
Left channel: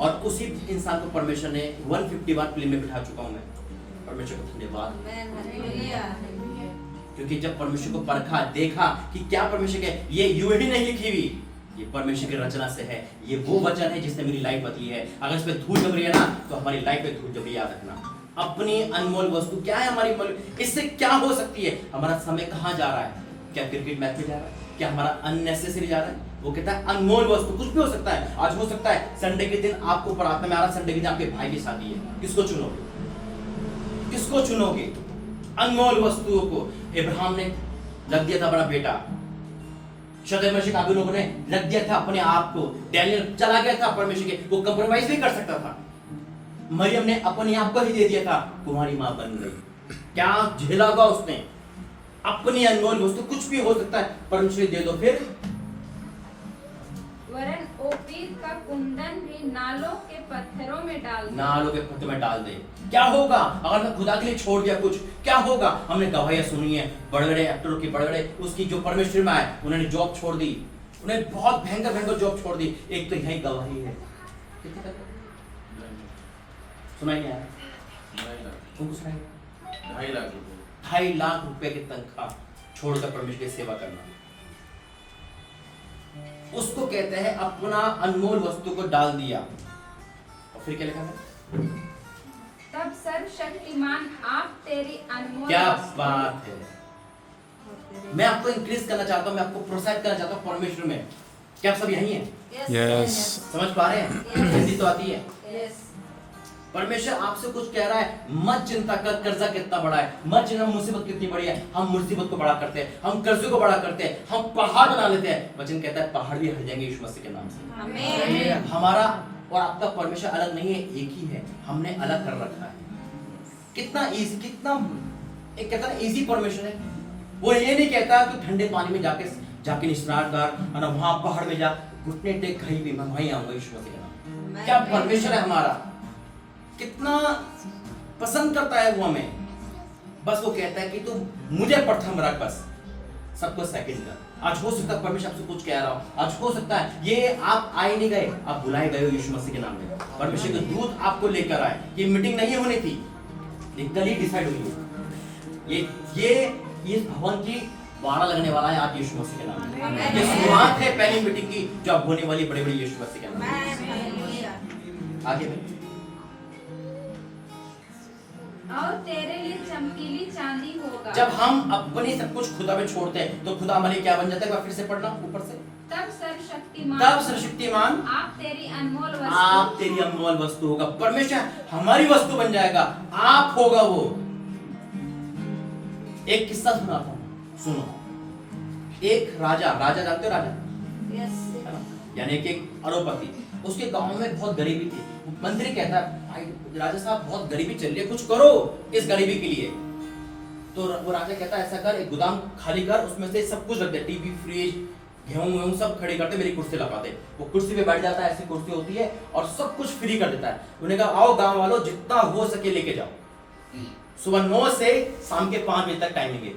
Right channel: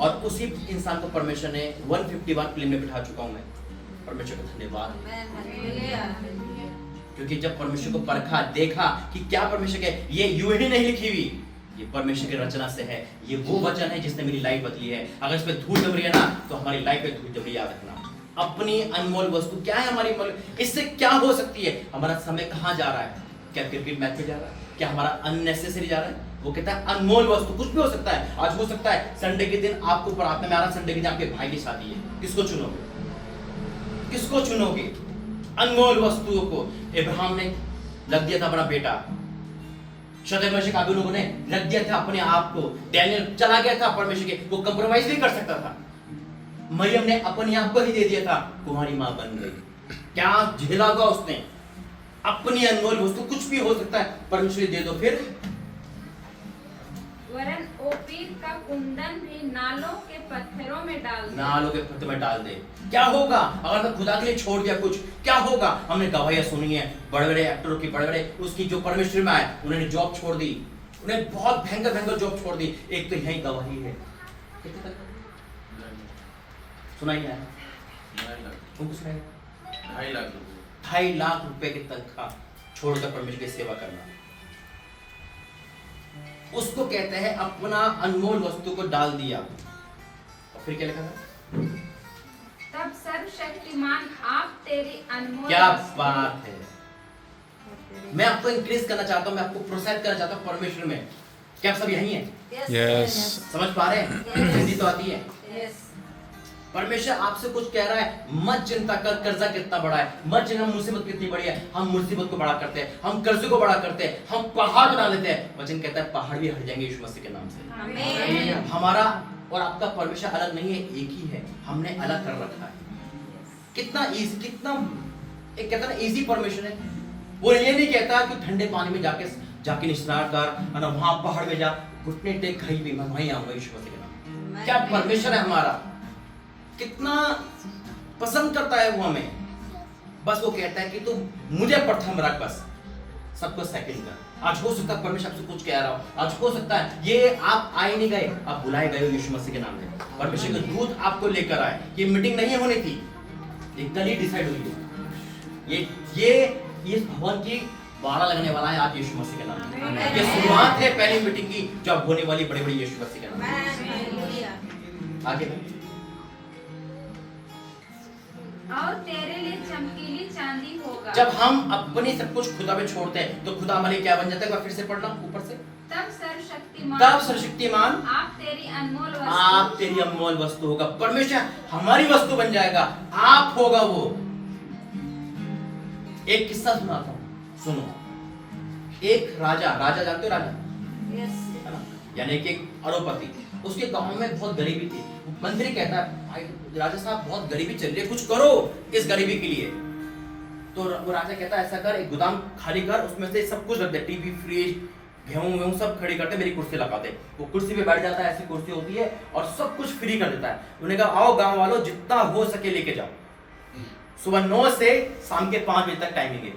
और उसी इंसान को परमेश्वर ने 150 बार प्लेन में बिठा चुका हूं मैं। परमेश्वर का धन्यवाद। क्योंकि जब परमेश्वर को परखा, देखा कि क्या परमेश्वर के, ये यूं ही नहीं लिखी हुई, ये परमेश्वर की रचना से है, ये वो वचन है जिसने मेरी लाइफ बदली है। अगर इस पे धूल जम रही है ना, तो हमारी लाइफ पे धूल जम रही है, याद रखना। अपनी अनमोल वस्तु क्या है हमारी, इससे क्या हो सकती है? हमारा समय कहाँ जा रहा है? क्या क्रिकेट मैच में जा रहा है? क्या हमारा अननेसेसरी जा रहा है? वो कहता है अनमोल वस्तु कुछ भी हो सकता है। आज हो सकता है संडे के दिन आपको प्रार्थना में आ रहा, संडे के दिन आपके भाई की शादी है, किसको चुनोगे? किसको चुनोगे? अनमोल वस्तुओं को इब्राहिम ने रख दिया था अपना बेटा, शतरंज में काबी लोगों ने रख दिया था अपने आप को, डैनियल चला गया था परमेश्वर के, वो कंप्रोमाइज नहीं कर सकता था। मरियम ने अपने आप को ही दे दिया था, कुमारी मां बन गई। क्या झेला होगा उसने? अपनी अनमोल वस्तु कुछ भी हो सकता है, परमेश्वर दे दो। फिर वरन ओपीर का कुंदन भी नालों के पत्थरों में डाल दे। नालों के पत्थर में डाल दे। क्या होगा अगर मैं खुदा के लिए छोड़ दिया कुछ? क्या होगा? हमने गवाहियां सुनी है बड़े बड़े एक्टरों की, बड़े बड़े उसकी जो परमेश्वर में आए, उन्होंने जॉब छोड़ दी, उन्हें बहुत भयंकर भयंकर जॉब छोड़ दी। एक तो यही गवाही है, सुनाई है उनको, सुनाई 2.5 लाख रुपए 2.5 लाख रुपए की तनख्वाह छोड़कर परमेश्वर की सेवा करना, उसको कहते हैं अपना अनमोल वस्तु को डाल दिया। और फिर क्या लिखा था? तब सर्वशक्तिमान आप तेरी अनमोल क्या वस्तु- बात है। मैं आपको इंक्रीज करना चाहता हूं, मैं आपको प्रोत्साहित करना चाहता हूं परमेश्वर में। क्या आप सब यही हैं? यस। समझ पा रहे हैं? हिंदी तो आती है। Yes. परमेश्वर आपसे कुछ कह रहा है, मत चिंता कर कर्जा कितना बड़ा है, मत चिंता मुसीबत कितनी बड़ी है। हम मुसीबत को बड़ा करते हैं, हम कर्जे को बड़ा करते हैं, हम पहाड़ बना लेते हैं। वचन कहता है पहाड़ भी हट जाएंगे यीशु मसीह के नाम से। आमीन। हमारा और आपका परमेश्वर अलग नहीं है, एक ही है, हमने अलग कर रखा है। कितना इजी, कितना एक कहता है इजी परमेश्वर है। वो ये नहीं कहता कि ठंडे पानी में जाके निस्नान कर, वहां पहाड़ में जा, घुटने टेक कहीं भी मैं वहीं आऊंगा यीशु मसीह के नाम। क्या परमेश्वर है हमारा, कितना पसंद करता है वो हमें। बस वो कहता है कि तू मुझे प्रथम रख, बस सबको सेकंड कर। आज हो सकता है परमेश्वर आपसे कुछ कह रहा हो, आज हो सकता है ये आप आए नहीं गए, आप बुलाए गए हो यीशु मसीह के नाम में। परमेश्वर के दूत आपको लेकर आए। ये मीटिंग नहीं होनी थी, ये कल ही डिसाइड हुई है। ये भवन की वाड़ा लगने वाला है आज यीशु मसीह के नाम में। ये शुरुआत है पहली मीटिंग की जो अब होने वाली, बड़े बड़े यीशु मसीह के नाम में। आगे और तेरे लिए चमकीली चांदी होगा। जब हम अपनी सब कुछ खुदा में छोड़ते हैं तो खुदा हमारे क्या बन जाता है? फिर से पढ़ना ऊपर से। तब सर्वशक्तिमान आप तेरी अनमोल वस्तु, आप तेरी अनमोल वस्तु होगा। परमेश्वर हमारी वस्तु बन जाएगा, आप होगा वो। एक किस्सा सुनाता हूं, सुनो। एक राजा जानते हो राजा? Yes. है ना? यानी कि एक अरबपति, उसके गांव में बहुत गरीबी थी। मंत्री कहता है भाई राजा साहब बहुत गरीबी चल रही है, कुछ करो इस गरीबी के लिए। तो वो राजा कहता है ऐसा कर, एक गोदाम खाली कर, उसमें से सब कुछ रख दे, टीवी, फ्रिज, गेहूं सब खड़े करते, मेरी कुर्सी लगा दे। वो कुर्सी पे बैठ जाता है, ऐसी कुर्सी होती है, और सब कुछ फ्री कर देता है। उन्होंने कहा आओ गांव वालों जितना हो सके लेके जाओ। सुबह 9 से शाम के 5 बजे तक टाइमिंग है,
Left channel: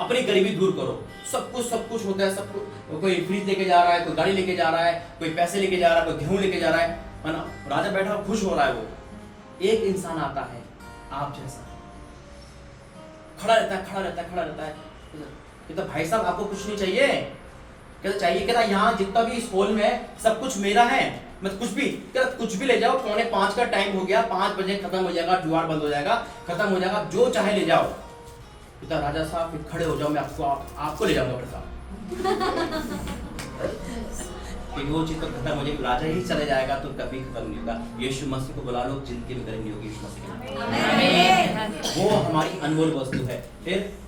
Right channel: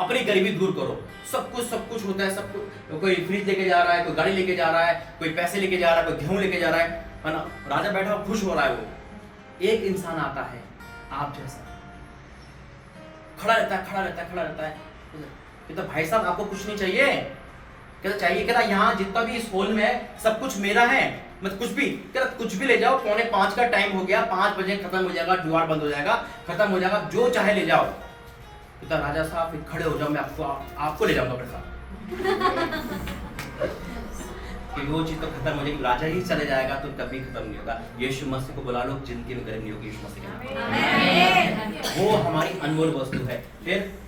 अपनी गरीबी दूर करो। सब कुछ होता है, सब कुछ। कोई फ्रिज लेके जा रहा है, कोई गाड़ी लेके जा रहा है, कोई पैसे लेके जा रहा है, कोई गेहूं लेके जा रहा है ना। राजा बैठा खुश हो रहा है। वो एक इंसान आता है आप जैसा, खड़ा रहता है। कहता भाई साहब आपको कुछ नहीं चाहिए? कहता चाहिए। कहता यहाँ जितना भी इस हॉल में है सब कुछ मेरा है, मतलब कुछ भी। कहता कुछ भी ले जाओ, 4:45 का टाइम हो गया, 5 बजे खत्म हो जाएगा, द्वार बंद हो जाएगा, खत्म हो जाएगा, जो चाहे ले जाओ। कहता राजा साहब फिर खड़े हो जाओ, मैं आपको ले जाऊंगा अपने साथ। क्योंकि वो चीज तो खत्म हो जाएगी, राजा ही चले जाएगा तो कभी खत्म नहीं होगा। यीशु मसीह को बुला लो, जिंदगी में गर्मी होगी यीशु मसीह के नाम। वो हमारी अनमोल वस्तु है। फिर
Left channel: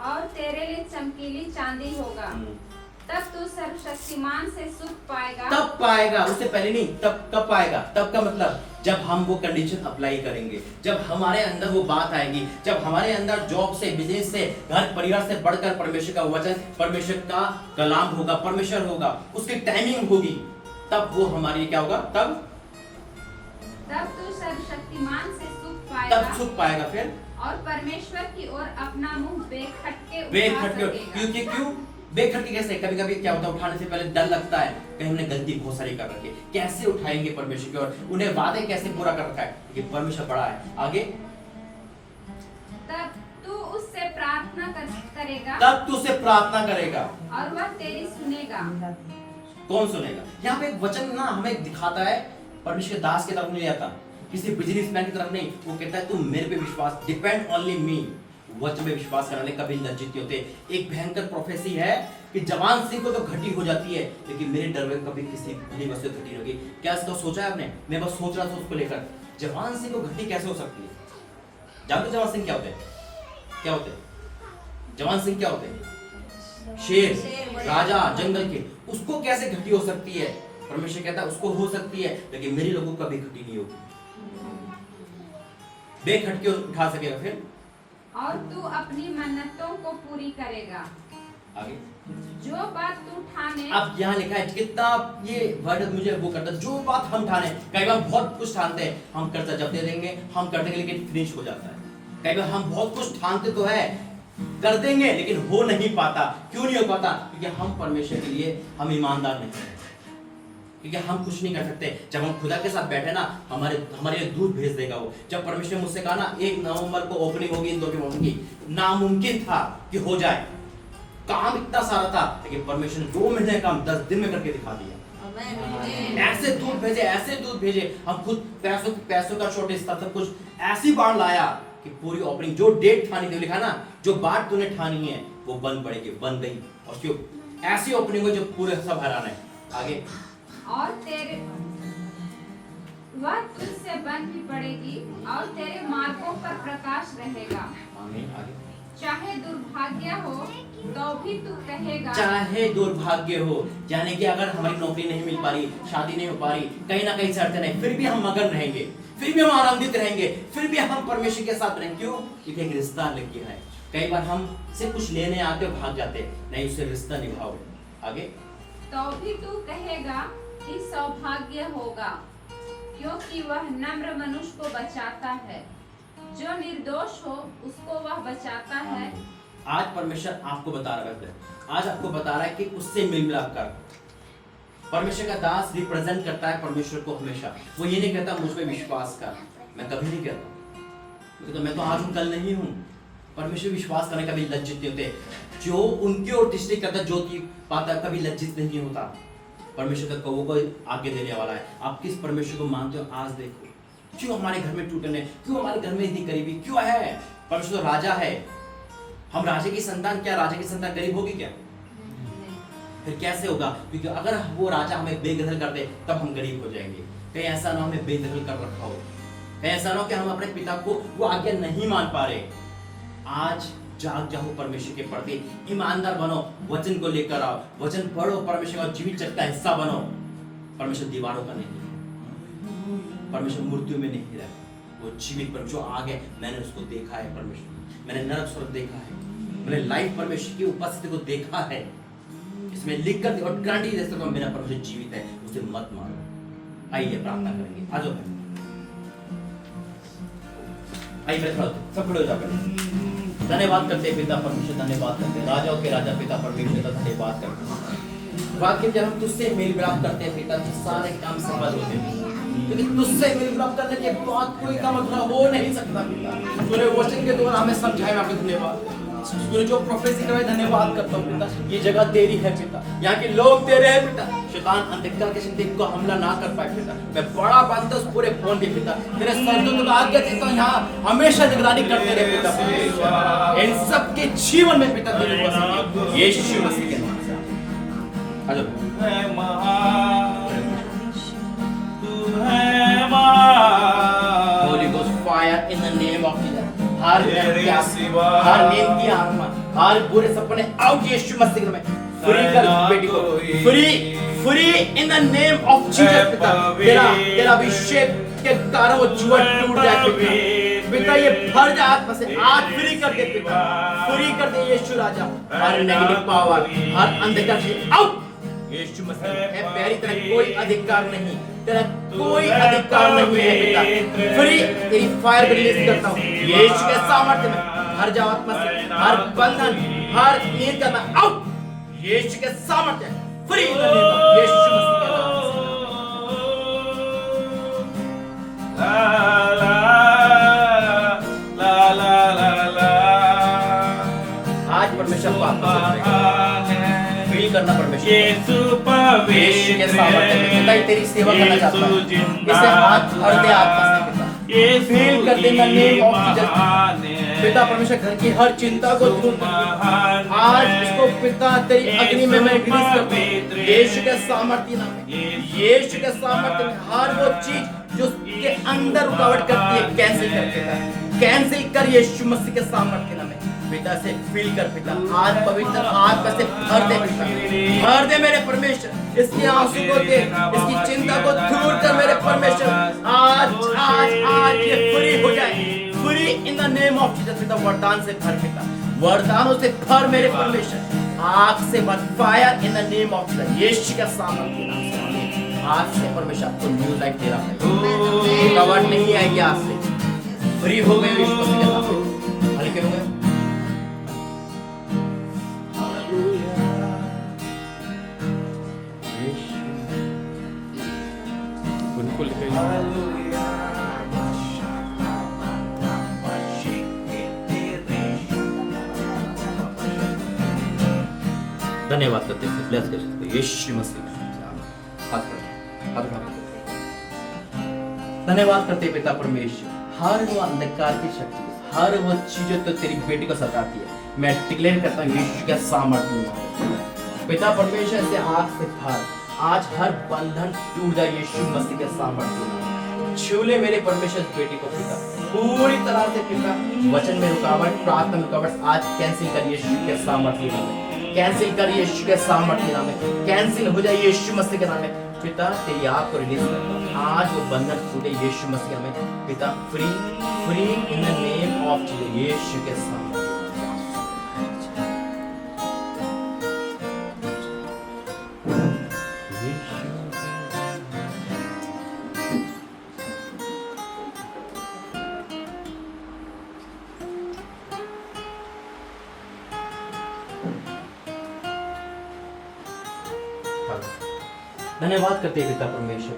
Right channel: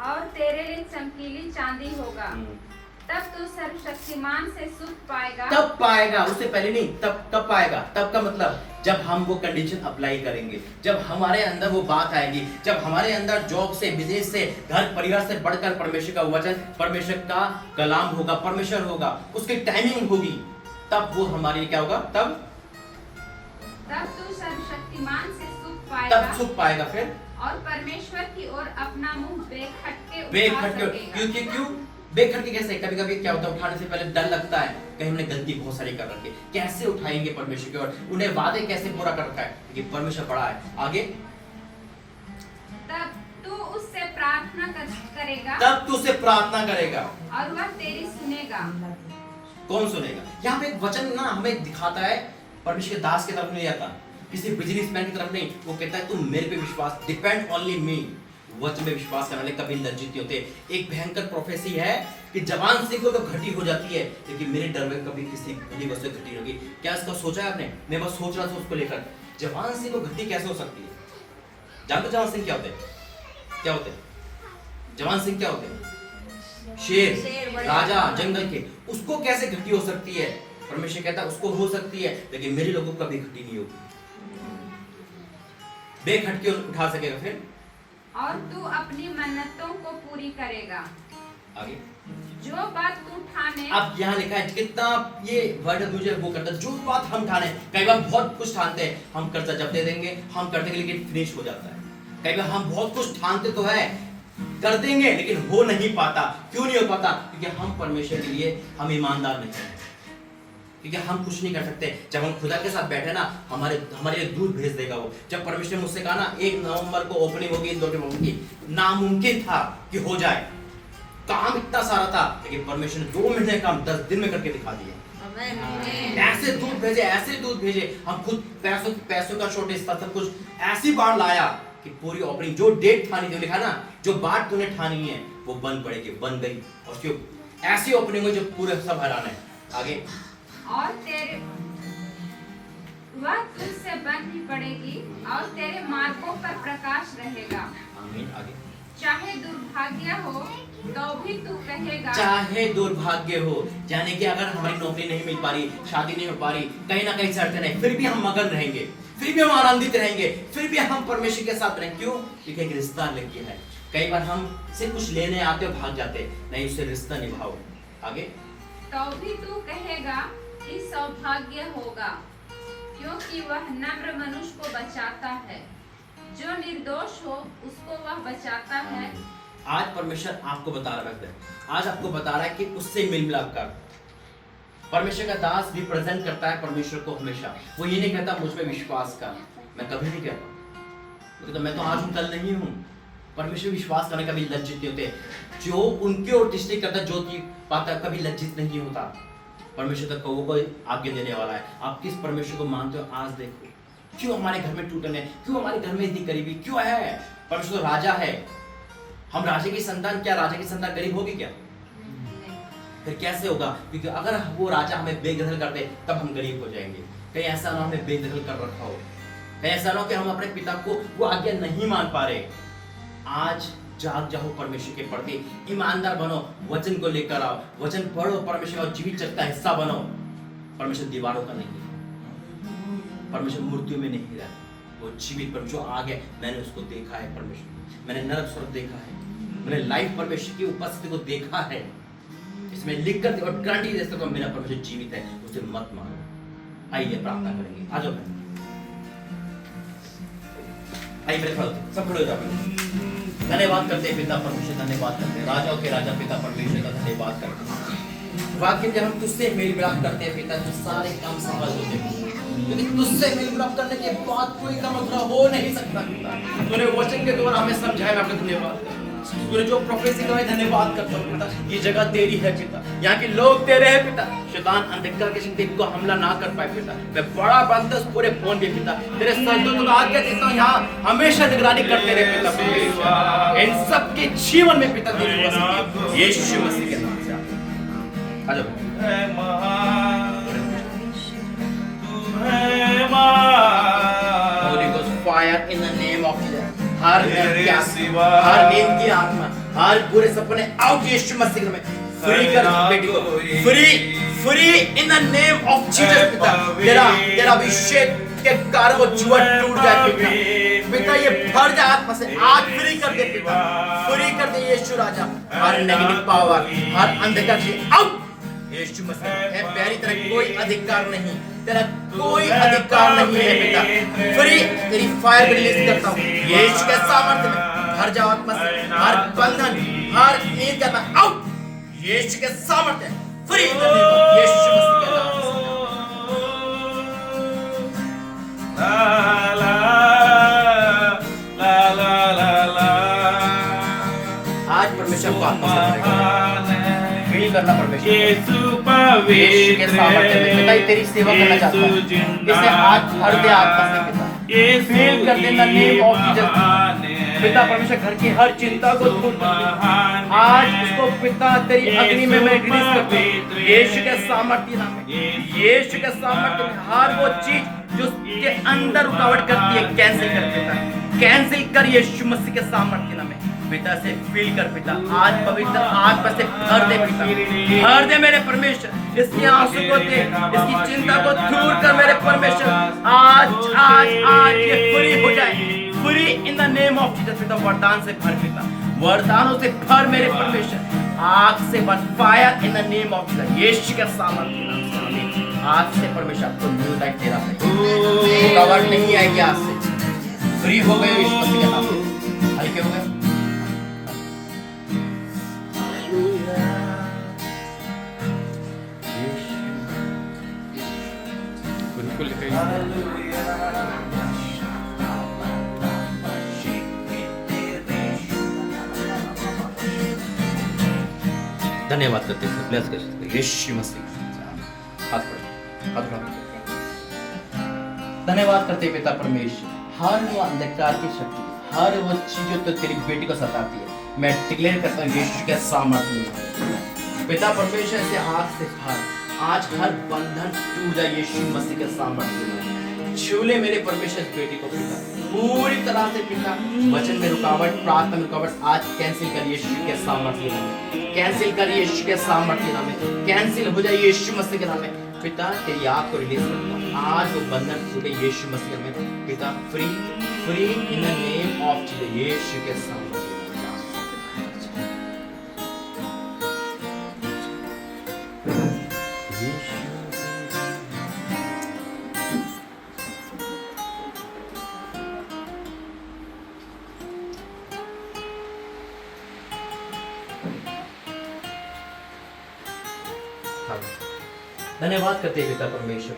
और तेरे लिए चमकीली चांदी होगा। तब तू सर्वशक्तिमान से सुख पाएगा। तब पाएगा, उससे पहले नहीं। तब पाएगा। तब का मतलब जब हम वो कंडीशन अप्लाई करेंगे, जब हमारे अंदर वो बात आएगी, जब हमारे अंदर जॉब से, बिजनेस से, घर परिवार से बढ़कर परमेश्वर का वचन, परमेश्वर का कलाम होगा, परमेश्वर होगा, उसकी टाइमिंग होगी, तब वो हमारे लिए क्या होगा? तब तू सर्वशक्तिमान से सुख पाएगा। तब सुख पाएगा। फिर और परमेश्वर की ओर अपना मुंह बेखटके क्यों बेखटके कैसे? कभी कभी क्या होता है, उठाने से पहले डर लगता है कहीं हमने गलती बहुत सारी कर रखी है, कैसे उठाएंगे परमेश्वर की ओर, उन्हें वादे कैसे पूरा कर रखा है, लेकिन परमेश्वर बड़ा है। आगे तब तू उससे करेगा तब तू उससे प्रार्थना करेगा और वह तेरी सुनेगा। कौन सुनेगा? यहाँ पे एक वचन ना हमें दिखाता है, परमेश्वर के दास की तरफ नहीं आता, किसी बिजनेसमैन की तरफ नहीं। वो कहता है तुम मेरे पे विश्वास, डिपेंड ओनली मी। वचन पे विश्वास करने वाले कभी लज्जित नहीं होते। एक भयंकर प्रोफेसी है कि जवान सिंह को तो घटी हो जाती है, लेकिन मेरे डर में कभी किसी भली वस्तु घटी नहीं होगी। क्या इसका सोचा है आपने? मैं बस सोच रहा था उसको लेकर, जवान सिंह को घटी कैसे हो सकती है? जानते जवान सिंह क्या होते हैं? क्या होते हैं जवान सिंह? क्या होते हैं? शेर, राजा जंगल के। उसको कैसे घटी हो सकती है? परमेश्वर कहता है उसको हो सकती है, लेकिन मेरे लोगों को कभी घटी नहीं होगी। बेखटके उठा सकेगा। फिर और तू अपनी मन्नतों को पूरी करेगा। आगे जो बात तू ठाने। अब यहाँ लिखा है कितना ये वर्ड मुझे वो करता है, जो बात हम ठाने। कई बार बहुत कुछ ठानते हैं, हम कर्जा जब दे देंगे, हम कर देंगे, लेकिन फिनिश हो जाता है। कई बार हम बहुत कुछ ठानते तो है, कर देंगे, लेकिन हो नहीं पाता। क्यों नहीं हो पाता? क्योंकि हम परमेश्वर के लिए हम ईमानदार नहीं हैं, क्योंकि हम कुछ नहीं कर सकते। जब हम खुदा के साथ बैठे ना, हमारे लिए दूध भेज देगा वो। जब परमेश्वर ने मुझसे कहा ना 1 नवंबर को ओपनिंग होगी इंदौर के भवन की, नामुमकिन था कि हो जाए, काम इतना सारा था, लेकिन परमेश्वर ने 2 महीने काम 10 दिन में करके दिखा दिया। ऐसे दूध भेजे, ऐसे दूध भेजे। हम खुद पैसों का शॉर्टेज था, सब कुछ ऐसी बाढ़ लाया कि पूरी ओपनिंग जो डेट ठानी थी, लिखा ना जो बात तूने ठानी है वो बन पड़ेगी, बन गई। और जो ऐसी ओपनिंग हुई जो पूरे सब हैरान है। आगे और तेरे वह तुझसे बन ही पड़ेगी और तेरे मार्गों पर प्रकाश रहेगा। आमीन। आगे चाहे दुर्भाग्य हो तो भी तू कहेगा। चाहे दुर्भाग्य हो, यानी कि अगर हमारी नौकरी नहीं मिल पा रही, शादी नहीं हो पा रही, कहीं ना कहीं से अड़चन है, फिर भी हम मगन रहेंगे, फिर भी हम आनंदित रहेंगे, फिर भी हम परमेश्वर के साथ रहेंगे। क्यों? क्योंकि एक रिश्ता लग गया है। कई बार हम से कुछ लेने आते हो, भाग जाते, नहीं, उससे रिश्ता निभाओ। आगे तो भी तू कहेगा कि सौभाग्य होगा, क्योंकि वह नम्र मनुष्य को बचाता है, जो निर्दोष हो उसको वह बचाता है। आज परमेश्वर आपको बता रहा है, आज आपको बता रहा है कि उससे मिल मिलाप कर। परमेश्वर का दास रिप्रेजेंट करता है परमेश्वर को हमेशा। वो ये नहीं कहता मुझ पे विश्वास कर, मैं कभी नहीं कहता, मैं तो आज हूँ कल नहीं हूँ। परमेश्वर विश्वास करने का भी लज्जित नहीं होते। जो उनकी ओर दृष्टि करता, जो की पाता है, कभी लज्जित नहीं होता। परमेश्वर का कौवों को आगे देने वाला है। आप किस परमेश्वर को मानते हो? आज देखो क्यों हमारे घर में टूटन है, क्यों हमारे घर में इतनी गरीबी क्यों है? परमेश्वर राजा है, हम राजा की संतान। क्या राजा की संतान गरीब होगी क्या? फिर कैसे होगा? क्योंकि अगर वो राजा हमें बेदखल कर दे तब हम गरीब हो जाएंगे। कहीं ऐसा ना हमें बेदखल कर रखा हो, कहीं ऐसा ना हो कि हम अपने पिता को वो आज्ञा नहीं मान पा रहे। आज जाग जाओ, परमेश्वर के प्रति ईमानदार बनो, वचन को लेकर आओ, वचन पढ़ो, परमेश्वर का जीवित जगत का हिस्सा बनो। परमेश्वर दीवारों का नहीं, परमेश्वर मूर्तियों में नहीं रहता, वो जीवित पर जो आ गए, मैंने उसको देखा है। परमेश्वर मैंने नरक स्वर्ग देखा है, मैंने लाइव परमेश्वर की उपस्थिति को देखा है। इसमें लिख कर और गारंटी दे सकता हूं मेरा परमेश्वर जीवित है, उसे मत मारो। आइए प्रार्थना करेंगे, आ जाओ। आइए मेरे खड़े, सब खड़े हो जाओ। धन्यवाद करते हैं पिता परमेश्वर, धन्यवाद करते हैं राजाओं के राजा पिता परमेश्वर का धन्यवाद करते हैं। वाकई जब हम तुझसे मेल मिलाप करते हैं पिता, तो सारे काम सफल होते हैं, क्योंकि तुझसे मेल मिलाप करने के बाद कोई काम अधूरा हो नहीं सकता पिता। तूने वचन के द्वारा हमें समझाया, आपका धन्यवाद। तूने जो प्रोफेसी कराई, धन्यवाद करता हूँ पिता। ये जगह तेरी है पिता, यहाँ के लोग तेरे हैं पिता। शैतान अंधकार के शक्ति को हमला ना कर पाए पिता। मैं बड़ा बांधता उस पूरे फोन पे पिता, तेरे संतों को आज्ञा देता हूँ यहाँ हमेशा निगरानी करते रहे पिता। इन सब के जीवन में पिता तेरी उपस्थिति यीशु मसीह के नाम से आ जाओ। Holy Ghost fire in the name of Jesus. हर नींद की आत्मा, हर बुरे सपने आउट यीशु मसीह में। फ्री कर बेटी को, free in the name of Jesus पिता। तेरा अभिषेक के कारण वो जुआ टूट जाए पिता। पिता ये भर जाए आत्मा से, आज फ्री कर दे पिता, फ्री कर दे यीशु राजा। हर नेगेटिव पावर, हर अंधकार से आउट यीशु मसीह है। पैरी तरह कोई अधिकार नहीं, तेरा कोई अधिकार नहीं है पिता। फ्री तेरी फायर रिलीज करता हूँ यीशु के सामर्थ्य में। हर जाओ आत्मा से, हर बंधन, हर नींद का आउट यीशु के सामर्थ्य। Free in the name of Yeshu Masih के नाम से। ला ला ला ला ला ला करना परमेश्वर। यीशु यीशु के सामर्थ्य में पिता तेरी सेवा करना चाहता है। इसे हाथ भर दे आत्मा से पिता, फील कर दे in the name of Jesus. पिता परमेश्वर घर की हर चिंता को दूर कर, आज इसको पिता तेरी अग्नि में मैं रिलीज करता हूँ यीशु के सामर्थ्य नाम में। यीशु के सामर्थ्य में हर वो चीज जो उसके अंदर रुकावट करती है कैंसिल कर पिता, कैंसिल कर यीशु मसीह के सामर्थ्य नाम में। पिता से फील कर पिता, आज पवित्र आत्मा से भर दे पिता, भर दे मेरे परमेश्वर, इसकी आंसू को दे, इसकी चिंता को दूर कर मेरे परमेश्वर। आज आज आज ये फ्री हो जाए, free in the name of Jesus पिता। वरदान से भर पिता, वरदानों से भर मेरे परमेश्वर, आग से भर, fire in the name of Jesus. Yeshu के सामर्थ्य नाम से आज से परमेश्वर आपको न्यू लाइफ दे रहा है, रुकावट नहीं आएगी, आज से फ्री हो गए यीशु मसीह के नाम से, हल्के हो गए। बिल्कुल धन्यवाद करते हैं, ब्लेस कर सकते हैं यीशु मसीह। हाथ बढ़ाओ। धन्यवाद करते हैं पिता परमेश्वर, हर वो अंधकार की शक्ति, हर वो चीजों तो तेरी बेटी को सताती है, मैं डिक्लेयर करता हूँ यीशु के सामर्थ्य में। पिता परमेश्वर से आग से भर, आज हर बंधन टूट जाए यीशु मसीह के सामर्थ्य में। छू ले मेरे परमेश्वर बेटी को पिता, पूरी तरह से पिता। वचन में रुकावट, प्रार्थना में रुकावट आज कैंसिल कर यीशु के सामर्थ्य में, कैंसिल कर यीशु के सामर्थ्य नाम में, कैंसिल हो जाए यीशु मसीह के नाम में। पिता तेरी आग को रिलीज करता, आज वो बंधन टूटे यीशु मसीह में पिता। Free free in the name of Jesus, Yeshu के सामर्थ्य। धन्यवाद करते हैं पिता परमेश्वर,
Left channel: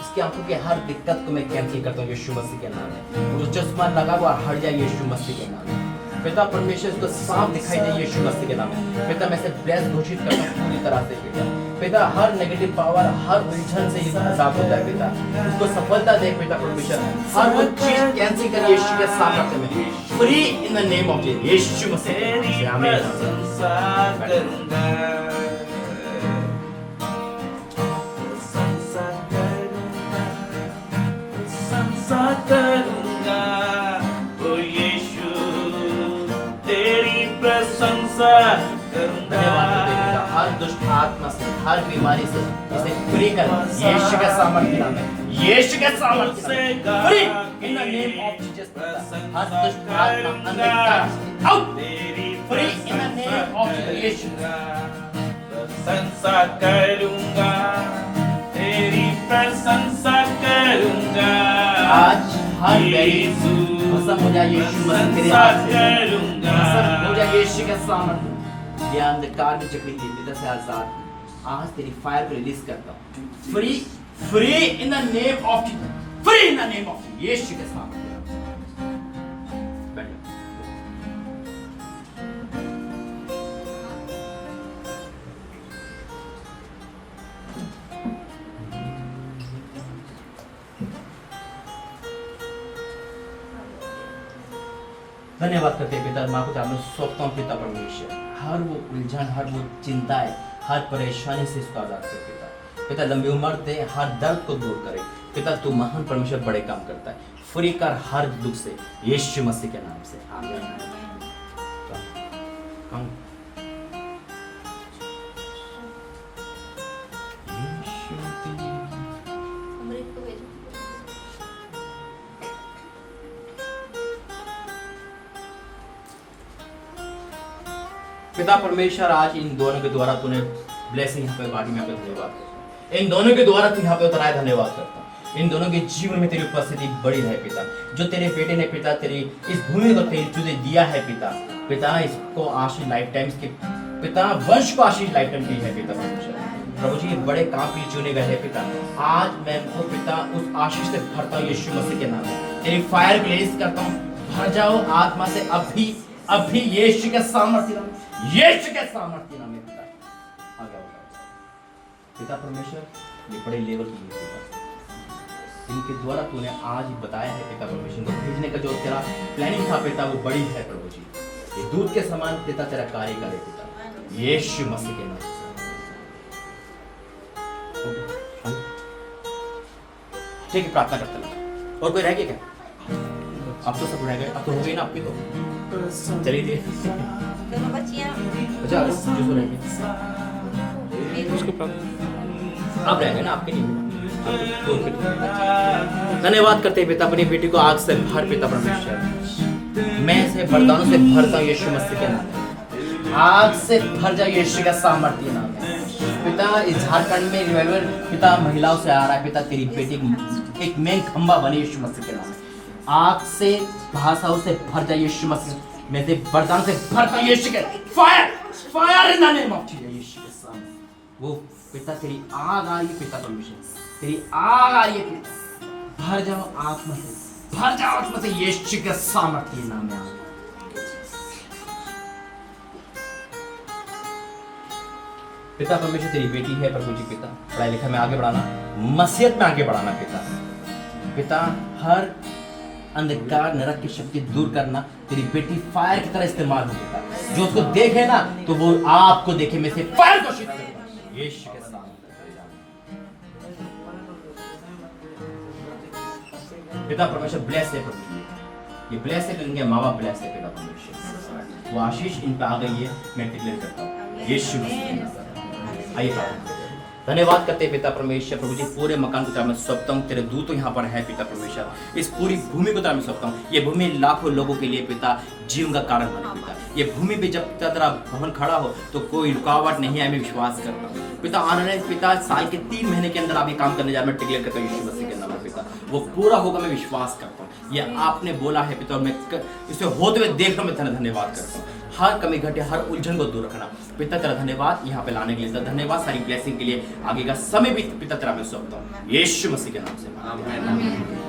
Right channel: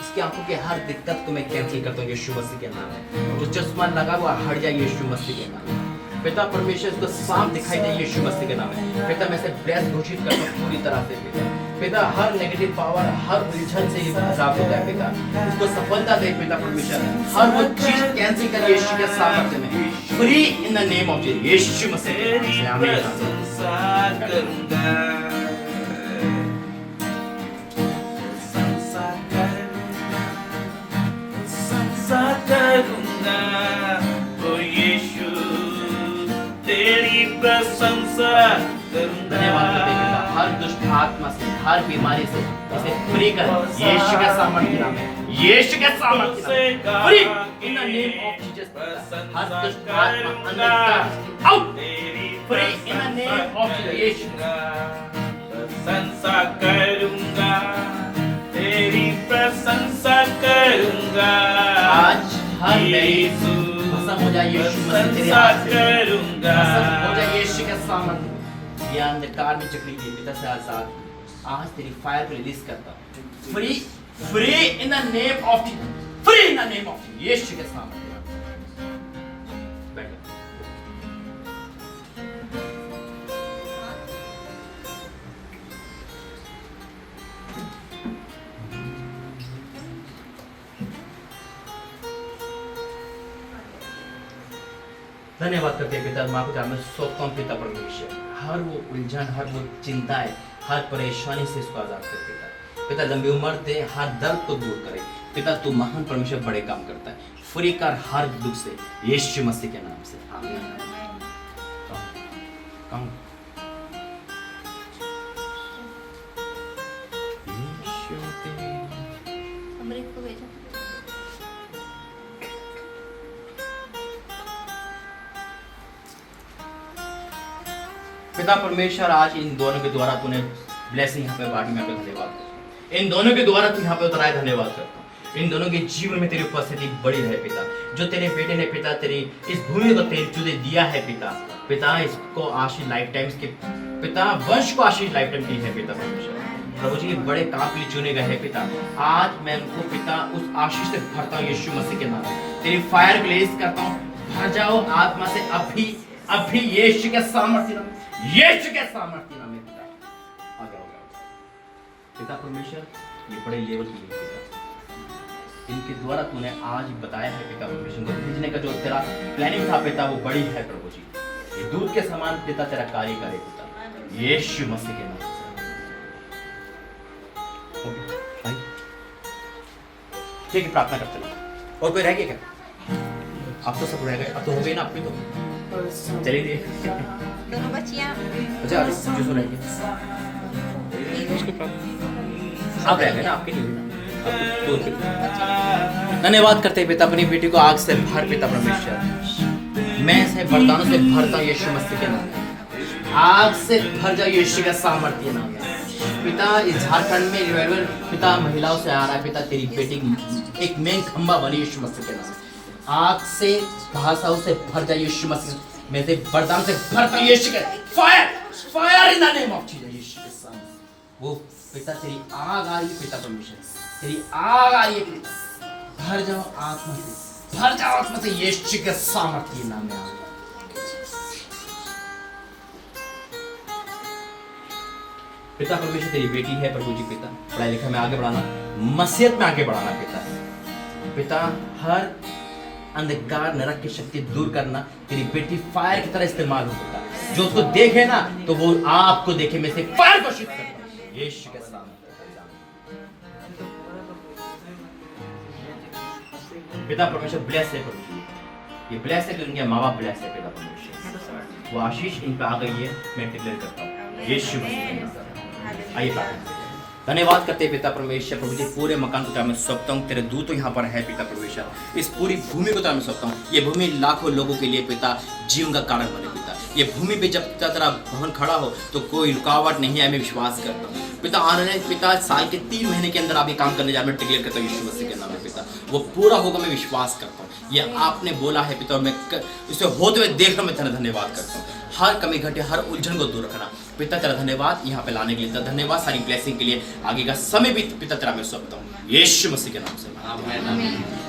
इसकी आंखों के हर दिक्कत को मैं कैंसिल करता हूँ यीशु मसीह के नाम में। जो चश्मा लगा हुआ हट जाए यीशु मसीह के नाम में। पिता परमेश्वर इसको साफ दिखाई दे यीशु मसीह के नाम में। पिता मैं इसे ब्लेस घोषित करता हूँ पूरी तरह से पिता। पिता हर नेगेटिव पावर, हर उलझन से ये आजाद हो जाए पिता, उसको सफलता दे पिता परमेश्वर। हर वो चीज कैंसिल कर यीशु के सामर्थ्य में, free in the name of Jesus, Yeshu Masih के नाम से आमीन। करूंगा ओ यीशु तेरी प्रशंसा करूंगा। धन्यवाद करते हैं पिता, हर दुष्ट आत्मा से, हर बीमारी से इसे फ्री कर यीशु के सामर्थ्य नाम में, यीशु के सामर्थ्य नाम में, free in the name of Jesus पिता। हर दुष्ट आत्मा अंधकार out, free in the name of Jesus, Yeshu प्रशंसा करूंगा, तेरी प्रशंसा करूंगा। आज हर खत्म हो जाए यीशु मसीह तेरे हाथ से, खत्म हो जाए यीशु के सामर्थ्य। ये अंधकार में जकड़ी थी पिता से आजाद, आज तेरी फायर को रिलीज करता हूँ, free free in the name of Jesus, free in the name of Yeshu के सामर्थ्य। धन्यवाद करते हैं पिता, माँ पिता मैं सौंपता हूँ पिता परमेश्वर, हर वो उलझन, हर वो चिंताएं, हर परेशानी से इसको आजाद कर पिता। पिता लंबी उम्र दे, हर दर्द को दूर करे पिता। तू महान परमेश्वर बड़े काम करता है, फ्री कर हर दुख से यीशु मसीह के नाम से, आमीन। पिता परमेश्वर आज इन दोनों के द्वारा तूने ब्लेसिंग यहाँ पे बांटी, मैं आपको धन्यवाद करता हूँ। इन दोनों के द्वारा तू यहाँ पे उतराए, धन्यवाद करता हूँ। इन दोनों के जीवन में तेरी उपस्थिति बड़ी रहे पिता। जो तेरे बेटे ने पिता तेरी इस भूमि को तेरी तुझे दिया है पिता, पिता इसको आशीष लाइफ टाइम के पिता, वंश को आशीष लाइफ टाइम की है पिता परमेश्वर। प्रभु जी बड़े काम के लिए चुने गए हैं पिता, आज मैं उनको पिता उस आशीष से भरता हूँ यीशु मसीह के नाम में। तेरी फायर को रिलीज करता हूँ, भर जाओ आत्मा से अभी अभी यीशु के सामर्थ्य नाम, यीशु के सामर्थ्य नाम में पिता। आ गया, हो गया। पिता परमेश्वर, ये बड़े लेवल की है पिता, इनके द्वारा तूने आज बताया है पिता परमेश्वर को भेजने का जो तेरा प्लानिंग था पिता, वो बड़ी है प्रभु जी। ये दूध के समान पिता तेरा कार्य करे पिता, यीशु मसीह के नाम से। ओके, भाई ठीक है, प्रार्थना करते हैं। और कोई रह गया क्या? अब तो सब रह गए, अब तो हो गई ना अपनी तो। चलिए दोनों बच्चियां अच्छा, जो रह गए अब रह गए ना आपके लिए। धन्यवाद करते हैं पिता अपनी बेटी को आग से भर पिता परमेश्वर, मैं से वरदानों से भरता हूं यीशु मसीह के नाम में, आग से भर जाओ यीशु का सामर्थ्य नाम में पिता। इस झारखंड में रिवाइवल पिता महिलाओं से आ रहा है पिता, तेरी बेटी एक मेन खंबा बनी यीशु मसीह के नाम में, आग से भाषाओं से भर जाए यीशु मसीह में से वरदान से भरता हूं यीशु के fire fire in the name of Jesus Yeshu के सामने। वो पिता तेरी आग आ रही है पिता परमेश्वर, तेरी आग आ रही है पिता, भर जाओ आत्मा से, भर जाओ आत्मा से यीशु के सामर्थ्य नाम में। पिता परमेश्वर तेरी बेटी है प्रभु जी पिता, पढ़ाई लिखाई में आगे बढ़ाना, मसीहत में आगे बढ़ाना पिता। पिता हर अंधकार नरक की शक्ति दूर करना, तेरी बेटी फायर की तरह इस्तेमाल हो पिता, जो उसको देखे ना तो वो आपको देखे में से फायर घोषित करता यीशु के सामने। पिता परमेश्वर ब्लेस है प्रभु जी, ये ब्लेस है कि उनके माँ बाप ब्लेस है पिता परमेश्वर, वो आशीष इन पे आ गई है, मैं डिक्लेयर करता हूँ यीशु मसीह के नाम से। आइए धन्यवाद करते हैं पिता परमेश्वर प्रभु जी, पूरे मकान को तेरा मैं सौंपता हूँ, तेरे दूत यहाँ पर है पिता परमेश्वर, इस पूरी भूमि को तेरा मैं सौंपता हूँ। ये भूमि लाखों लोगों के लिए पिता जीवन का कारण बने पिता, ये भूमि पे जब तेरा भवन खड़ा हो तो कोई रुकावट नहीं है, मैं विश्वास करता हूँ पिता। आने वाले पिता साल के 3 महीने के अंदर आप ये काम करने जा रहे हैं, मैं डिक्लेयर करता हूँ यीशु मसीह के नाम में पिता, वो पूरा होगा, मैं विश्वास करता हूँ। ये आपने बोला है पिता और मैं इसे होते हुए देख रहा हूँ, मैं तेरा धन्यवाद करता हूँ। हर कमी घटे हर उलझन को दूर रखना पिता, तेरा धन्यवाद यहाँ पे लाने के लिए, तेरा धन्यवाद सारी ब्लेसिंग के लिए, आगे का समय भी पिता तेरा मैं सौंपता हूँ यीशु मसीह के नाम से।